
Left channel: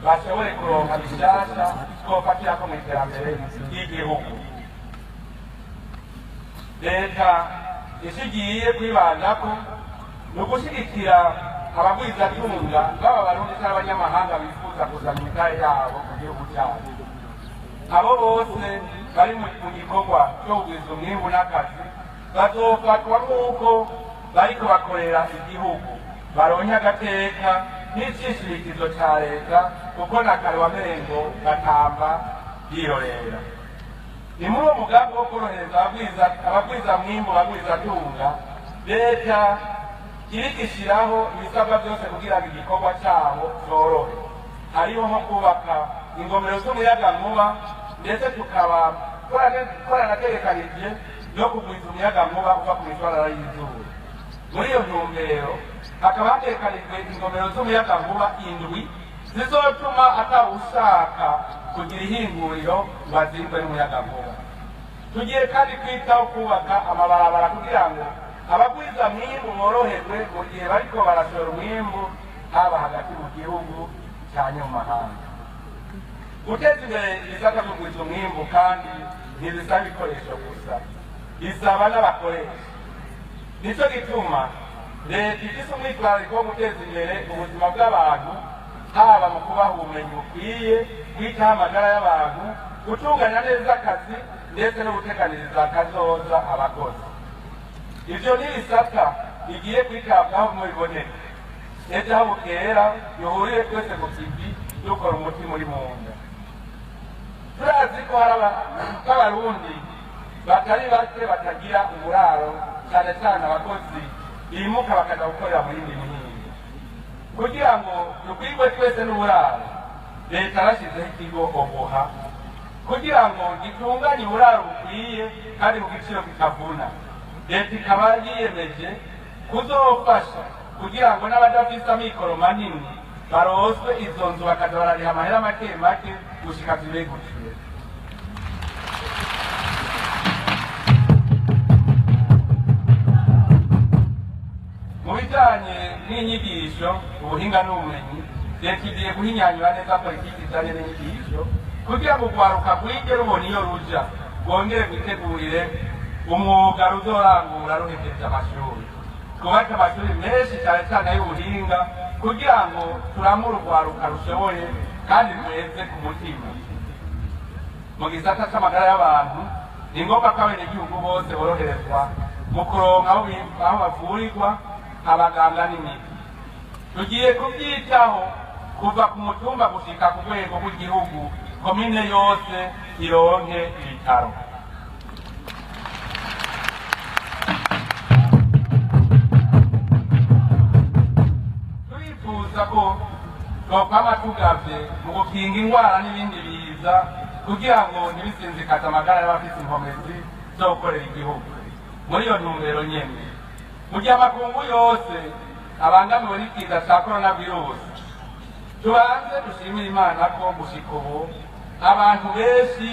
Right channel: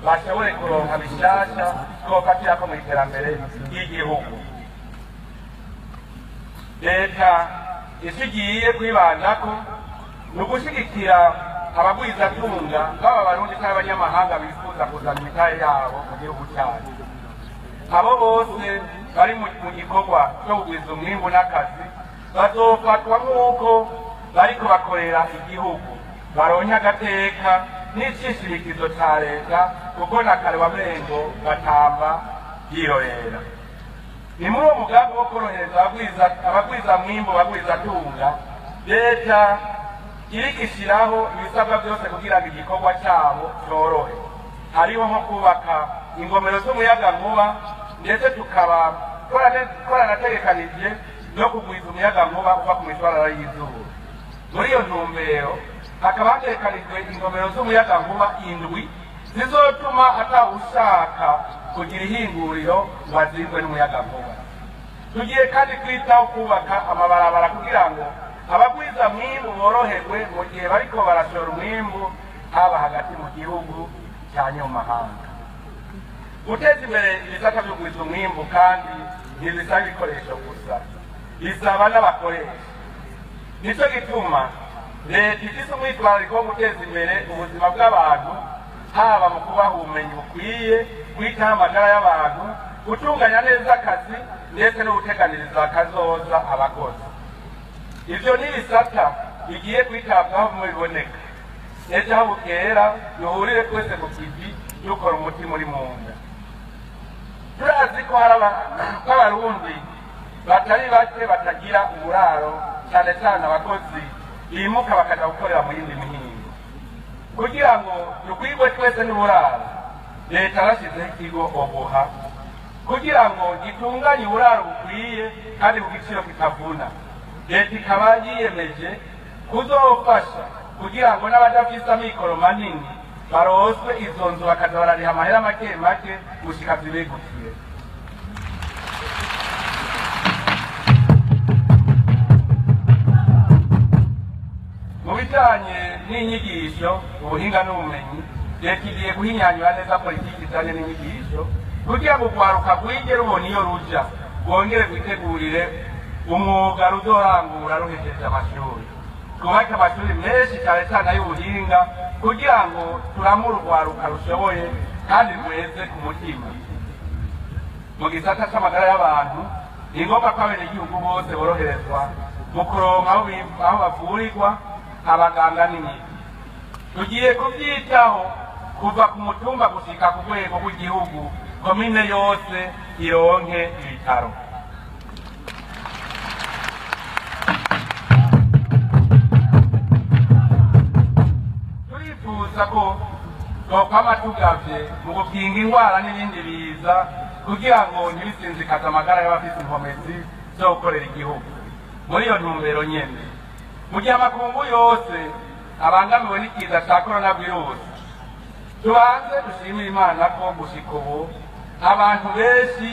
bashobore kuronka bishasha twofatira ko mu iterambere ry'igihugu. Leta ishigiye kwibandako ni ugushyigikira abagwizatunga baba abarundi cyangwa abanyamahanga bifuza kuzana imitahe yabo mu gihugu cyacu. Abo bose bari mu gikorwa cyo kugwiza umwimbu n'akazi bazofatwa nk'uko bariko bakorera igihugu, baronke agateka n'icishirikizo ca leta kuko n'akarubamengo gatamba yirorera. Ni muri uwo mugambi wo korohereza abagwiza mwimbu bagwizatunga, leta irigishiraho ibisabwa byose kugira ngo igikorwa cyabo cyorohe. Hariho nko kubaka ingomero z'umuyagankuba ndetse tukaba twaranategekanije no kugwiza umuyagankuba uva ku mishwarara y'izuba. Muri iyo ntumbero hakaba hategekanijwe ingomero z'umuyagankuba 7 zizotuma atawushaka kugira ihinguriro ngo azirwe n'umuyagankuba. Tugiye kandi kwitaho kubaka amabarabara kugira ngo abagwiza mwimbu boroherwe mu gihe bariko barashora umwimbu haba hagati mu gihugu cyane mu mahanga. Guteza imbere ibisata byo kugwiza umwimbu kandi ntibisaba ibikoresho gusa, bisaba n'abakoresha. Nicyo gituma leta ifise umwitwarariko wo guteza imbere ubuzima bw'abantu, haba mu kubaha ubumenyi bukwiye, kwitaho amagara y'abantu, gutunganya neza akazi ndetse no guteganiriza akazoza abakozi. Ivyo ni ibisata bigiye kwitabwaho mu biboneka. Ejo aho bukera duhurire twese ku kivi dukora umutima uri mu nda. Turazi ko hari abarundi batari bake batagira uburaro, cyane cyane abakozi bimuka bakaja gukorera mu yindi mihingo. Kugira ngo dukwigwe twese n'uburaro, leta yarashyizeho ikigo obuha kugira ngo gitunganye uburaro bukwiye kandi ku giciro kitavuna. Leta ikaba yiyemeje kuzofasha kugira ngo n'abadafise amikoro manini baroswe izo nzu bakaza barariha amahera make make gushika zibegukiwe. Mu bijanye n'inyigisho, ubuhinga n'ubumenyi, leta igiye guhinyanyura neza politiki ijanye n'inyigisho kugira ngo urwaruka rwige rubona iyo ruja, rwongere rwitegurire umwuga ruzorangura ruhejeje amashuri. Twubake amashuri menshi cyane cyane y'ubuhinga kugira ngo turamure urwaruka rushoboye kandi rweze ku mutima. Mu gisata c'amagara y'abantu ni ngombwa ko abenegihugu bose boroherezwa mu kuronka aho bavurirwa, abaganga n'imiti. Tugiye kubyitaho kuva ku mutumba gushika ku rwego rw'igihugu, komine yose ironke ibitaro. Turifuza ko twokwama tugavye mu gukinga ingwara n'ibindi biza kugira ngo ntibisinzikaze amagara y'abafise inkomezi zo gukorera igihugu. Muri iyo ntumbero nyene, mu gihe amakungu yose abangamiwe n'ikiza ca coronavirus, tubanze dushimire Imana ko gushika ubu abantu benshi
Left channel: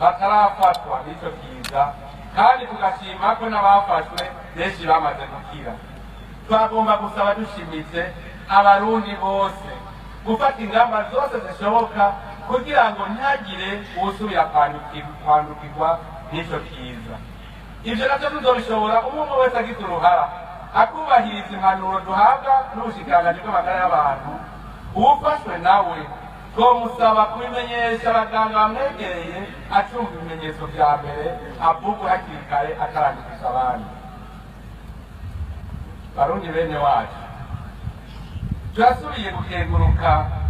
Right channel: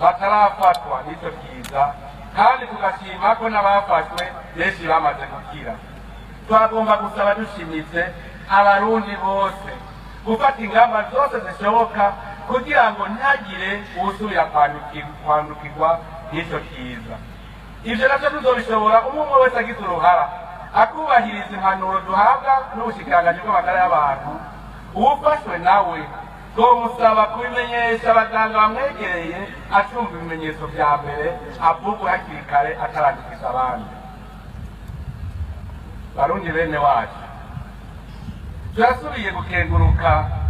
batarafatwa n'ico kiza kandi tugashima ko n'abafashwe benshi bamaze gukira. Twagomba gusaba dushimitse abarundi bose gufata ingamba zose zishoboka kugira ngo ntihagire uwusubira kwandukirwa n'icyo kiza. Ibyo navyo tuzobishobora umwe wese agize uruhara akubahiriza impanuro duhabwa n'ubushikiranganji bw'amagara y'abantu. Uwufashwe nawe twomusaba kubimenyesha abaganga bamwegereye atumva ibimenyetso vya mbere avugwe hakiri kare atarandikisha abandi. Barundi bene wacu, turasubiye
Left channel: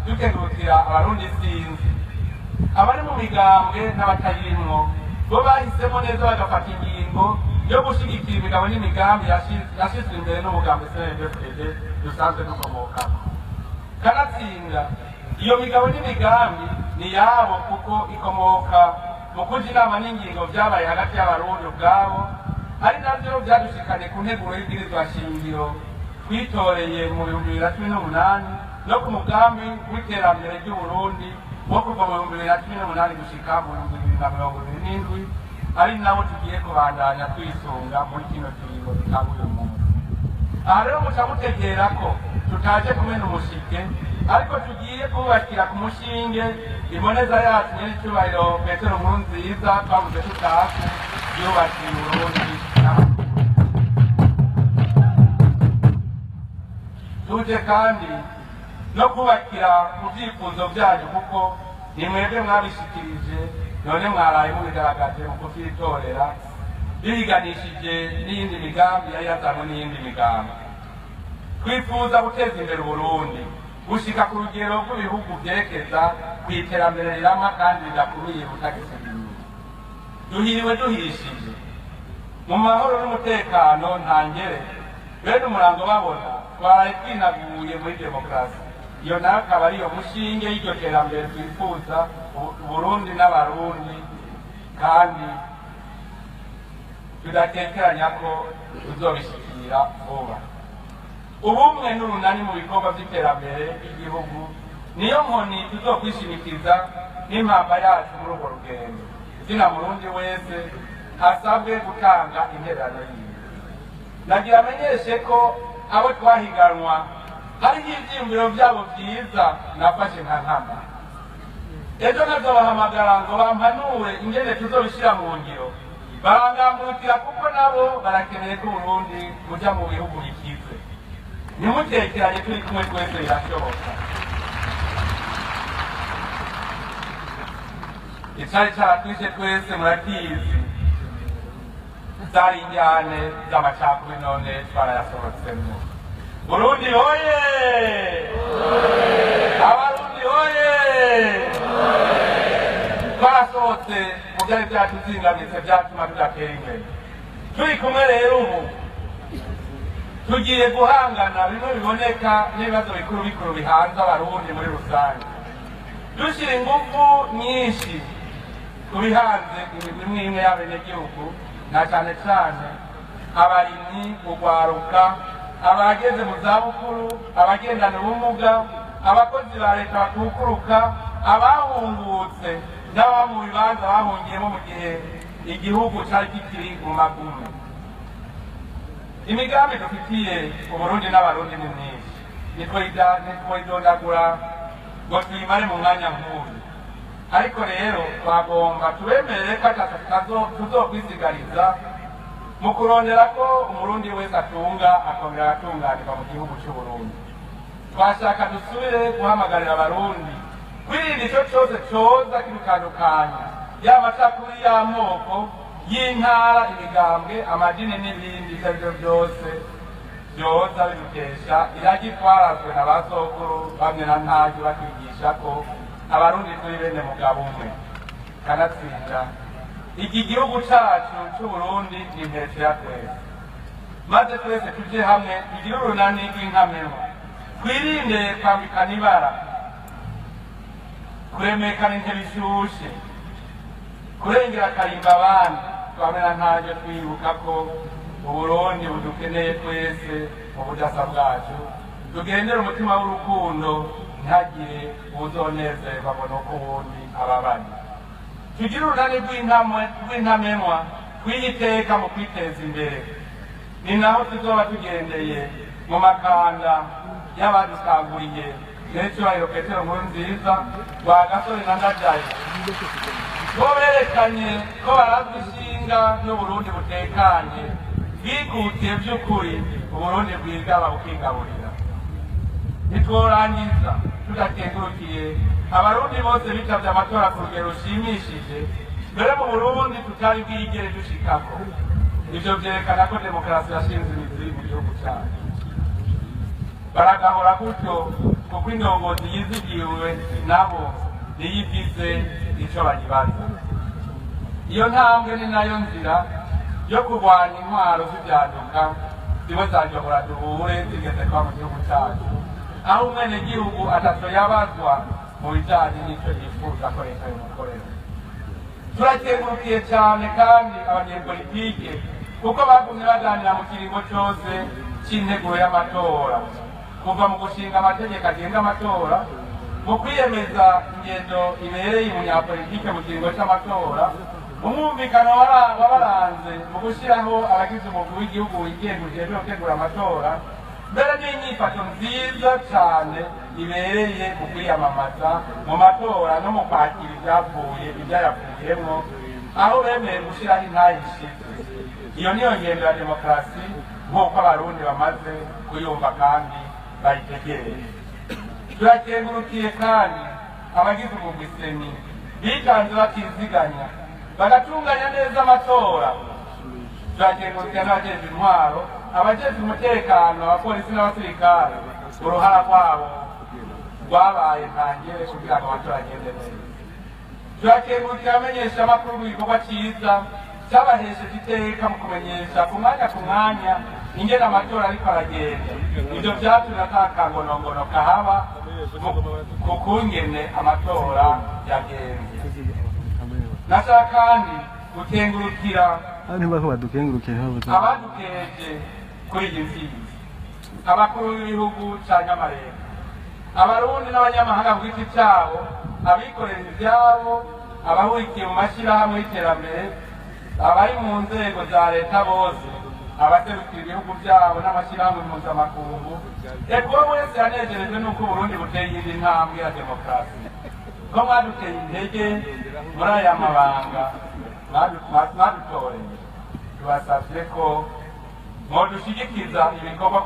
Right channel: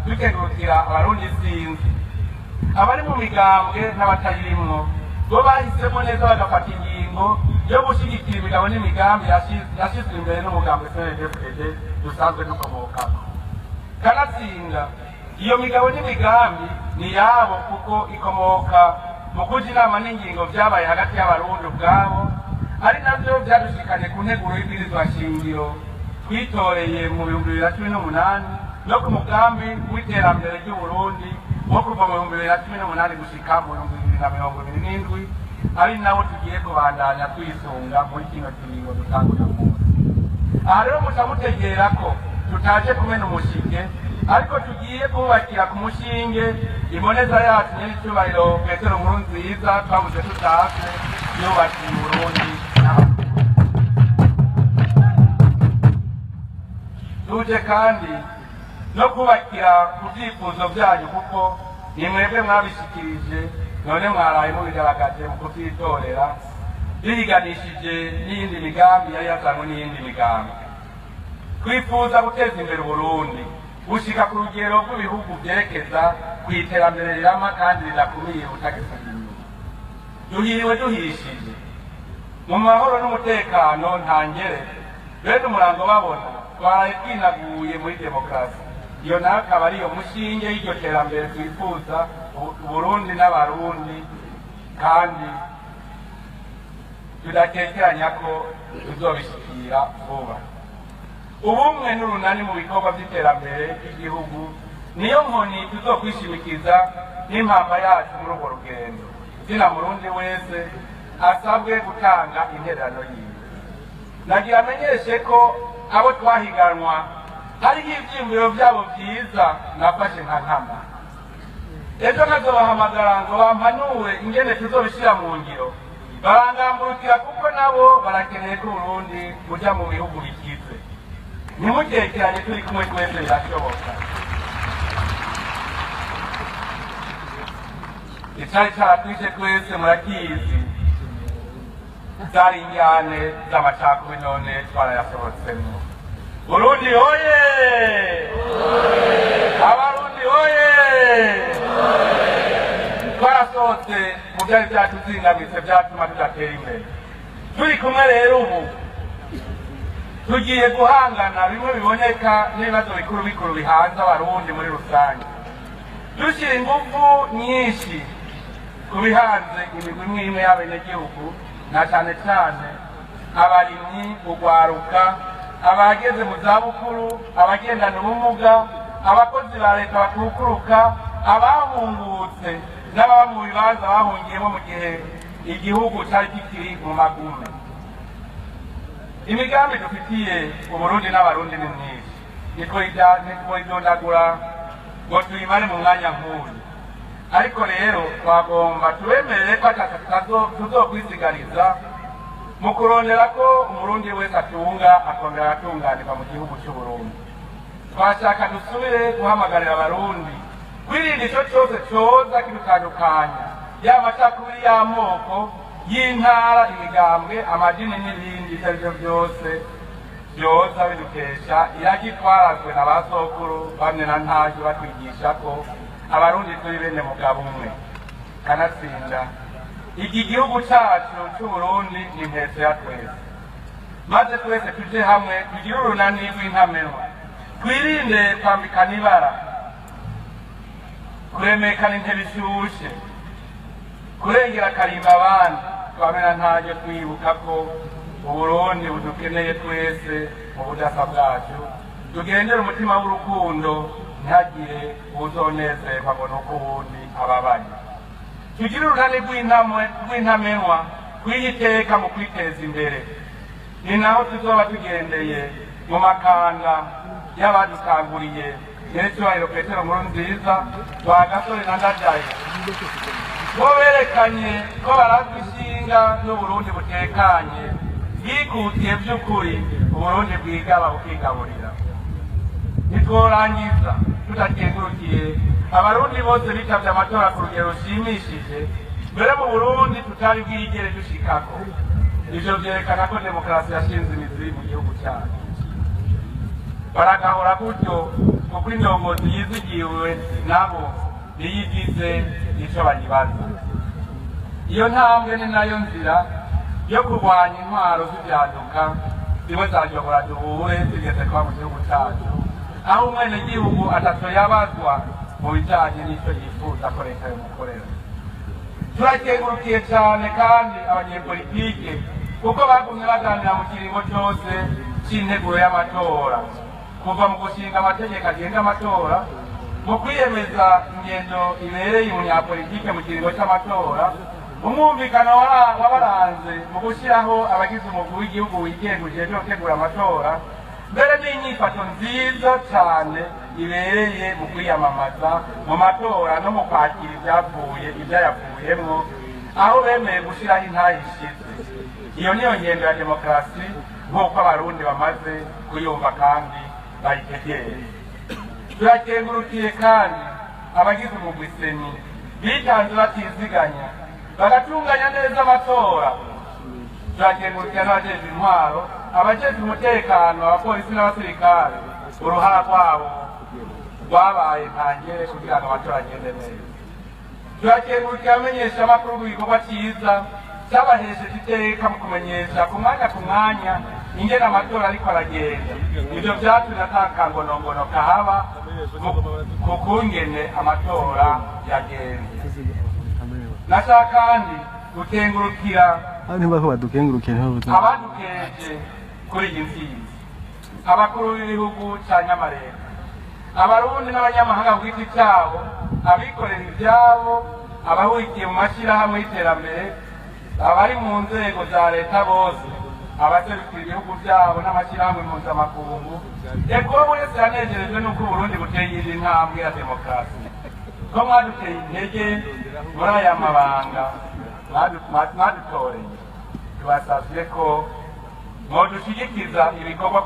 dukengurukira abarundi isinzi, abari mu migambwe n'abatarimwo bo bahisemo neza bagafata ingingo yo gushigikira imigabo n'imigambi yashizwe imbere n'umugambi CNDD-FDD dusanzwe dukomokako. Kanatsinda iyo migabo n'imigambi ni yabo kuko ikomoka mu kuja inama n'ingingo vyabaye hagati y'abarundi ubwabo, ari navyo vyadushikanye ku nteguro y'ibwirizwa shingiro twitoreye mu 2018 no ku mugambi w'iterambere ry'Uburundi wo kuva mu 2018 gushika mu 2027, ari nawo tugiye kubandanya kwisunga muri kino kiringo dutangura munsi. Aha rero muca mutegera ko tutaje kumena umushike, ariko tugiye kubakira ku mushinge imboneza yacu nyir'icyubahiro Petero Nkurunziza twabuze tutase yubakiye Uburundi. Tuje kandi no kubakira ku byifuzo byanyu kuko ni mwebwe mwabishikirije, none mwaraye mubigaragaje mu kuvyitorera biganishije n'iyindi migambi yari yazanywe n'iyindi migambi. Twifuza guteza imbere Uburundi gushika ku rugero rw'ibihugu vyerekeza kw'iterambere rirama kandi ridakumiye ubutagisagiriye. Duhiriwe duhishije mu mahoro n'umutekano ntangere, bene umurango babona twaraye twinaguye muri demokarasi. Iyo nayo akaba ariyo mushinge y'iryo terambere twifuza Uburundi n'abarundi, kandi tudakekeranya ko tuzobishikira vuba. Ubumwe n'urunani mu bikorwa vy'iterambere ry'igihugu niyo nkoni tuzokwishimikiza n'impamba yacu muri urwo rugendo. Zina Murundi wese asabwe gutanga intererano yiwe. Nagira amenyeshe ko abo twahiganwa hariho ivyiyumviro vyabo vyiza nafashe nka nkama. Ejo nazobahamagara ngo bampanure ingene tuzobishira mu ngiro, barangambukira kuko nabo barakeneye ko Uburundi buja mu bihugu bikize. Nimutekeranye turi kumwe twese birashoboka. Icari caratwishe twese murakizi, zari injyane z'amacakubiri none twarayasohotsemo. Burundi hoye! Abarundi hoye! Twarasohotse mu vyari vyatuzingamitse vyatuma tudatera imbere. Turi kumwe rero ubu tugiye guhangana bimwe biboneka n'ibibazo bikuru bihanze abarundi muri rusange, dushyira ingufu nyinshi ku bihanze imigwi imwe imwe y'abenegihugu, na cyane cyane abarimyi, urwaruka, abageze mu zabukuru, abagendana ubumuga, abakozi ba leta bakukuruka, abahungutse n'ababa mu bibanza bahungiyemo mu gihe igihugu cyari kikiri mu magumu. Imigambi dufitiye Uburundi n'abarundi ni myinshi, niko idondagura ngo tuyimare mu mwanya nk'uyu. Ariko rero twagomba tubemerere ko tuzokwisigariza mu kurondera ko umurundi wese atunga akongera atunganirwa mu gihugu cy'Uburundi. Twashaka dusubire guhamagarira abarundi kwirinda ico cyose coza kidutandukanya, yaba amacakubiri y'amoko, y'intara, imigambwe, amadini n'ibindi ivyo arivyo byose vyoza bidukesha iragi twarazwe na ba sokuru bamwe na ntaryo batwigisha ko abarundi turi bene mugabo umwe. Kanatsinda iki gihugu cacu c'Uburundi ni intete ya twese, maze twese tuje hamwe tugire urunani rw'intamenwa, twirinde kwambikana ibara, kuremekana intebe ishushe, kurengera akarimba abandi, twamena ntaryo twibuka ko Uburundi budukeneye twese mu budasa bwacu. Tugendere umutima w'urukundo, ntihagire uzonezerwa ngo nuko uwundi ababaye. Tugire urunani rw'intamenwa, kwiyiteka mu kwiteza imbere. Ni naho tuzoba tugendeye mu makanda y'abadukanguriye n'icyubahiro Petero Nkurunziza, Rwagasore na Ndadaye, bo berekanye ko barazwi ishinga n'Uburundi butekanye bwikutiye by'ukuri Uburundi bwigaba bukigaburira. Ntitworangiza tudakengurukiye abarundi bose bitavye amatora ku rugero rushimishije, mbere mu Burundi tutari bwigere dushikako. Ivyo vyerekana ko demokarasi yashinze imizi mu gihugu cyacu. Baragahora gutyo kuko indongozi yizigiwe nabo niyigize ico bayibaza. Iyo ntambwe ni nayo nzira yo kurwanya intwaro z'ivyaduka zimwe zajobora duhure zigeze kwa mu gihugu cyacu, aho umwenegihugu atatu yabazwa mu bijanye n'icyo yifuza ko leta yomukorera. Turakengurukiye cyane kandi abanyepolitike kuko bagumye baganira mu kiringo cyose c'integuro y'amatora, kuva mu gushinga amategeko agenga amatora, mu kwiyemeza ingendo ibereye umunyapolitike mu kiringo c'amatora, umwumvikano wabaranze mu gushyiraho abagize umugwi w'igihugu wigenga ujejwe gutegura amatora, mbere n'inyifato nziza cyane ibereye mu kwiyamamaza mu matora no mu kwakira ibyayavuyemwo, aho bemeye gushyiraho intayishize. Iyo niyo ngendo ya demokarasi nk'uko abarundi bamaze kuyumva kandi bayitegereye. Turakengurukiye kandi abagize umugwi seni bitanze batiziganya bagatunganya neza amatora. Turakengurukiye n'abajejwe intwaro, abajejwe umutekano, abapolisi n'abasirikare, uruhara rwabo rwabaye ntangere kugira ngo amatora agende neza. Turakengurukiye abamenyesha amakuru w'igikorwa cyiza cyabahesheje iteka mu kumenyesha ku mwanya ingene amatora ariko aragenda. Ivyo vyatumye ata kangonongono kahaba ku kungene amatora yagenze. Nashaka kandi gukengurukira abadukeje kuri iyi ntsinzi, abakuru b'ibihugu ca Nyamarembe, abarundi n'abanyamahanga ku giti cyabo, abikorera ivyabo, abahurikiye mu mashirahamwe y'iterambere, abari mu nzego za leta bose, abaserukira ibihugu byabo n'amashyirahamwe mpuzamakungu. Eko wese yanejejwe n'uko Uburundi buteye indi ntambwe ya demokarasi, ko mwaduteye intege muri aya mabanga mwadutoreye. Tubasavye ko mwodushyigikiza ibikorwa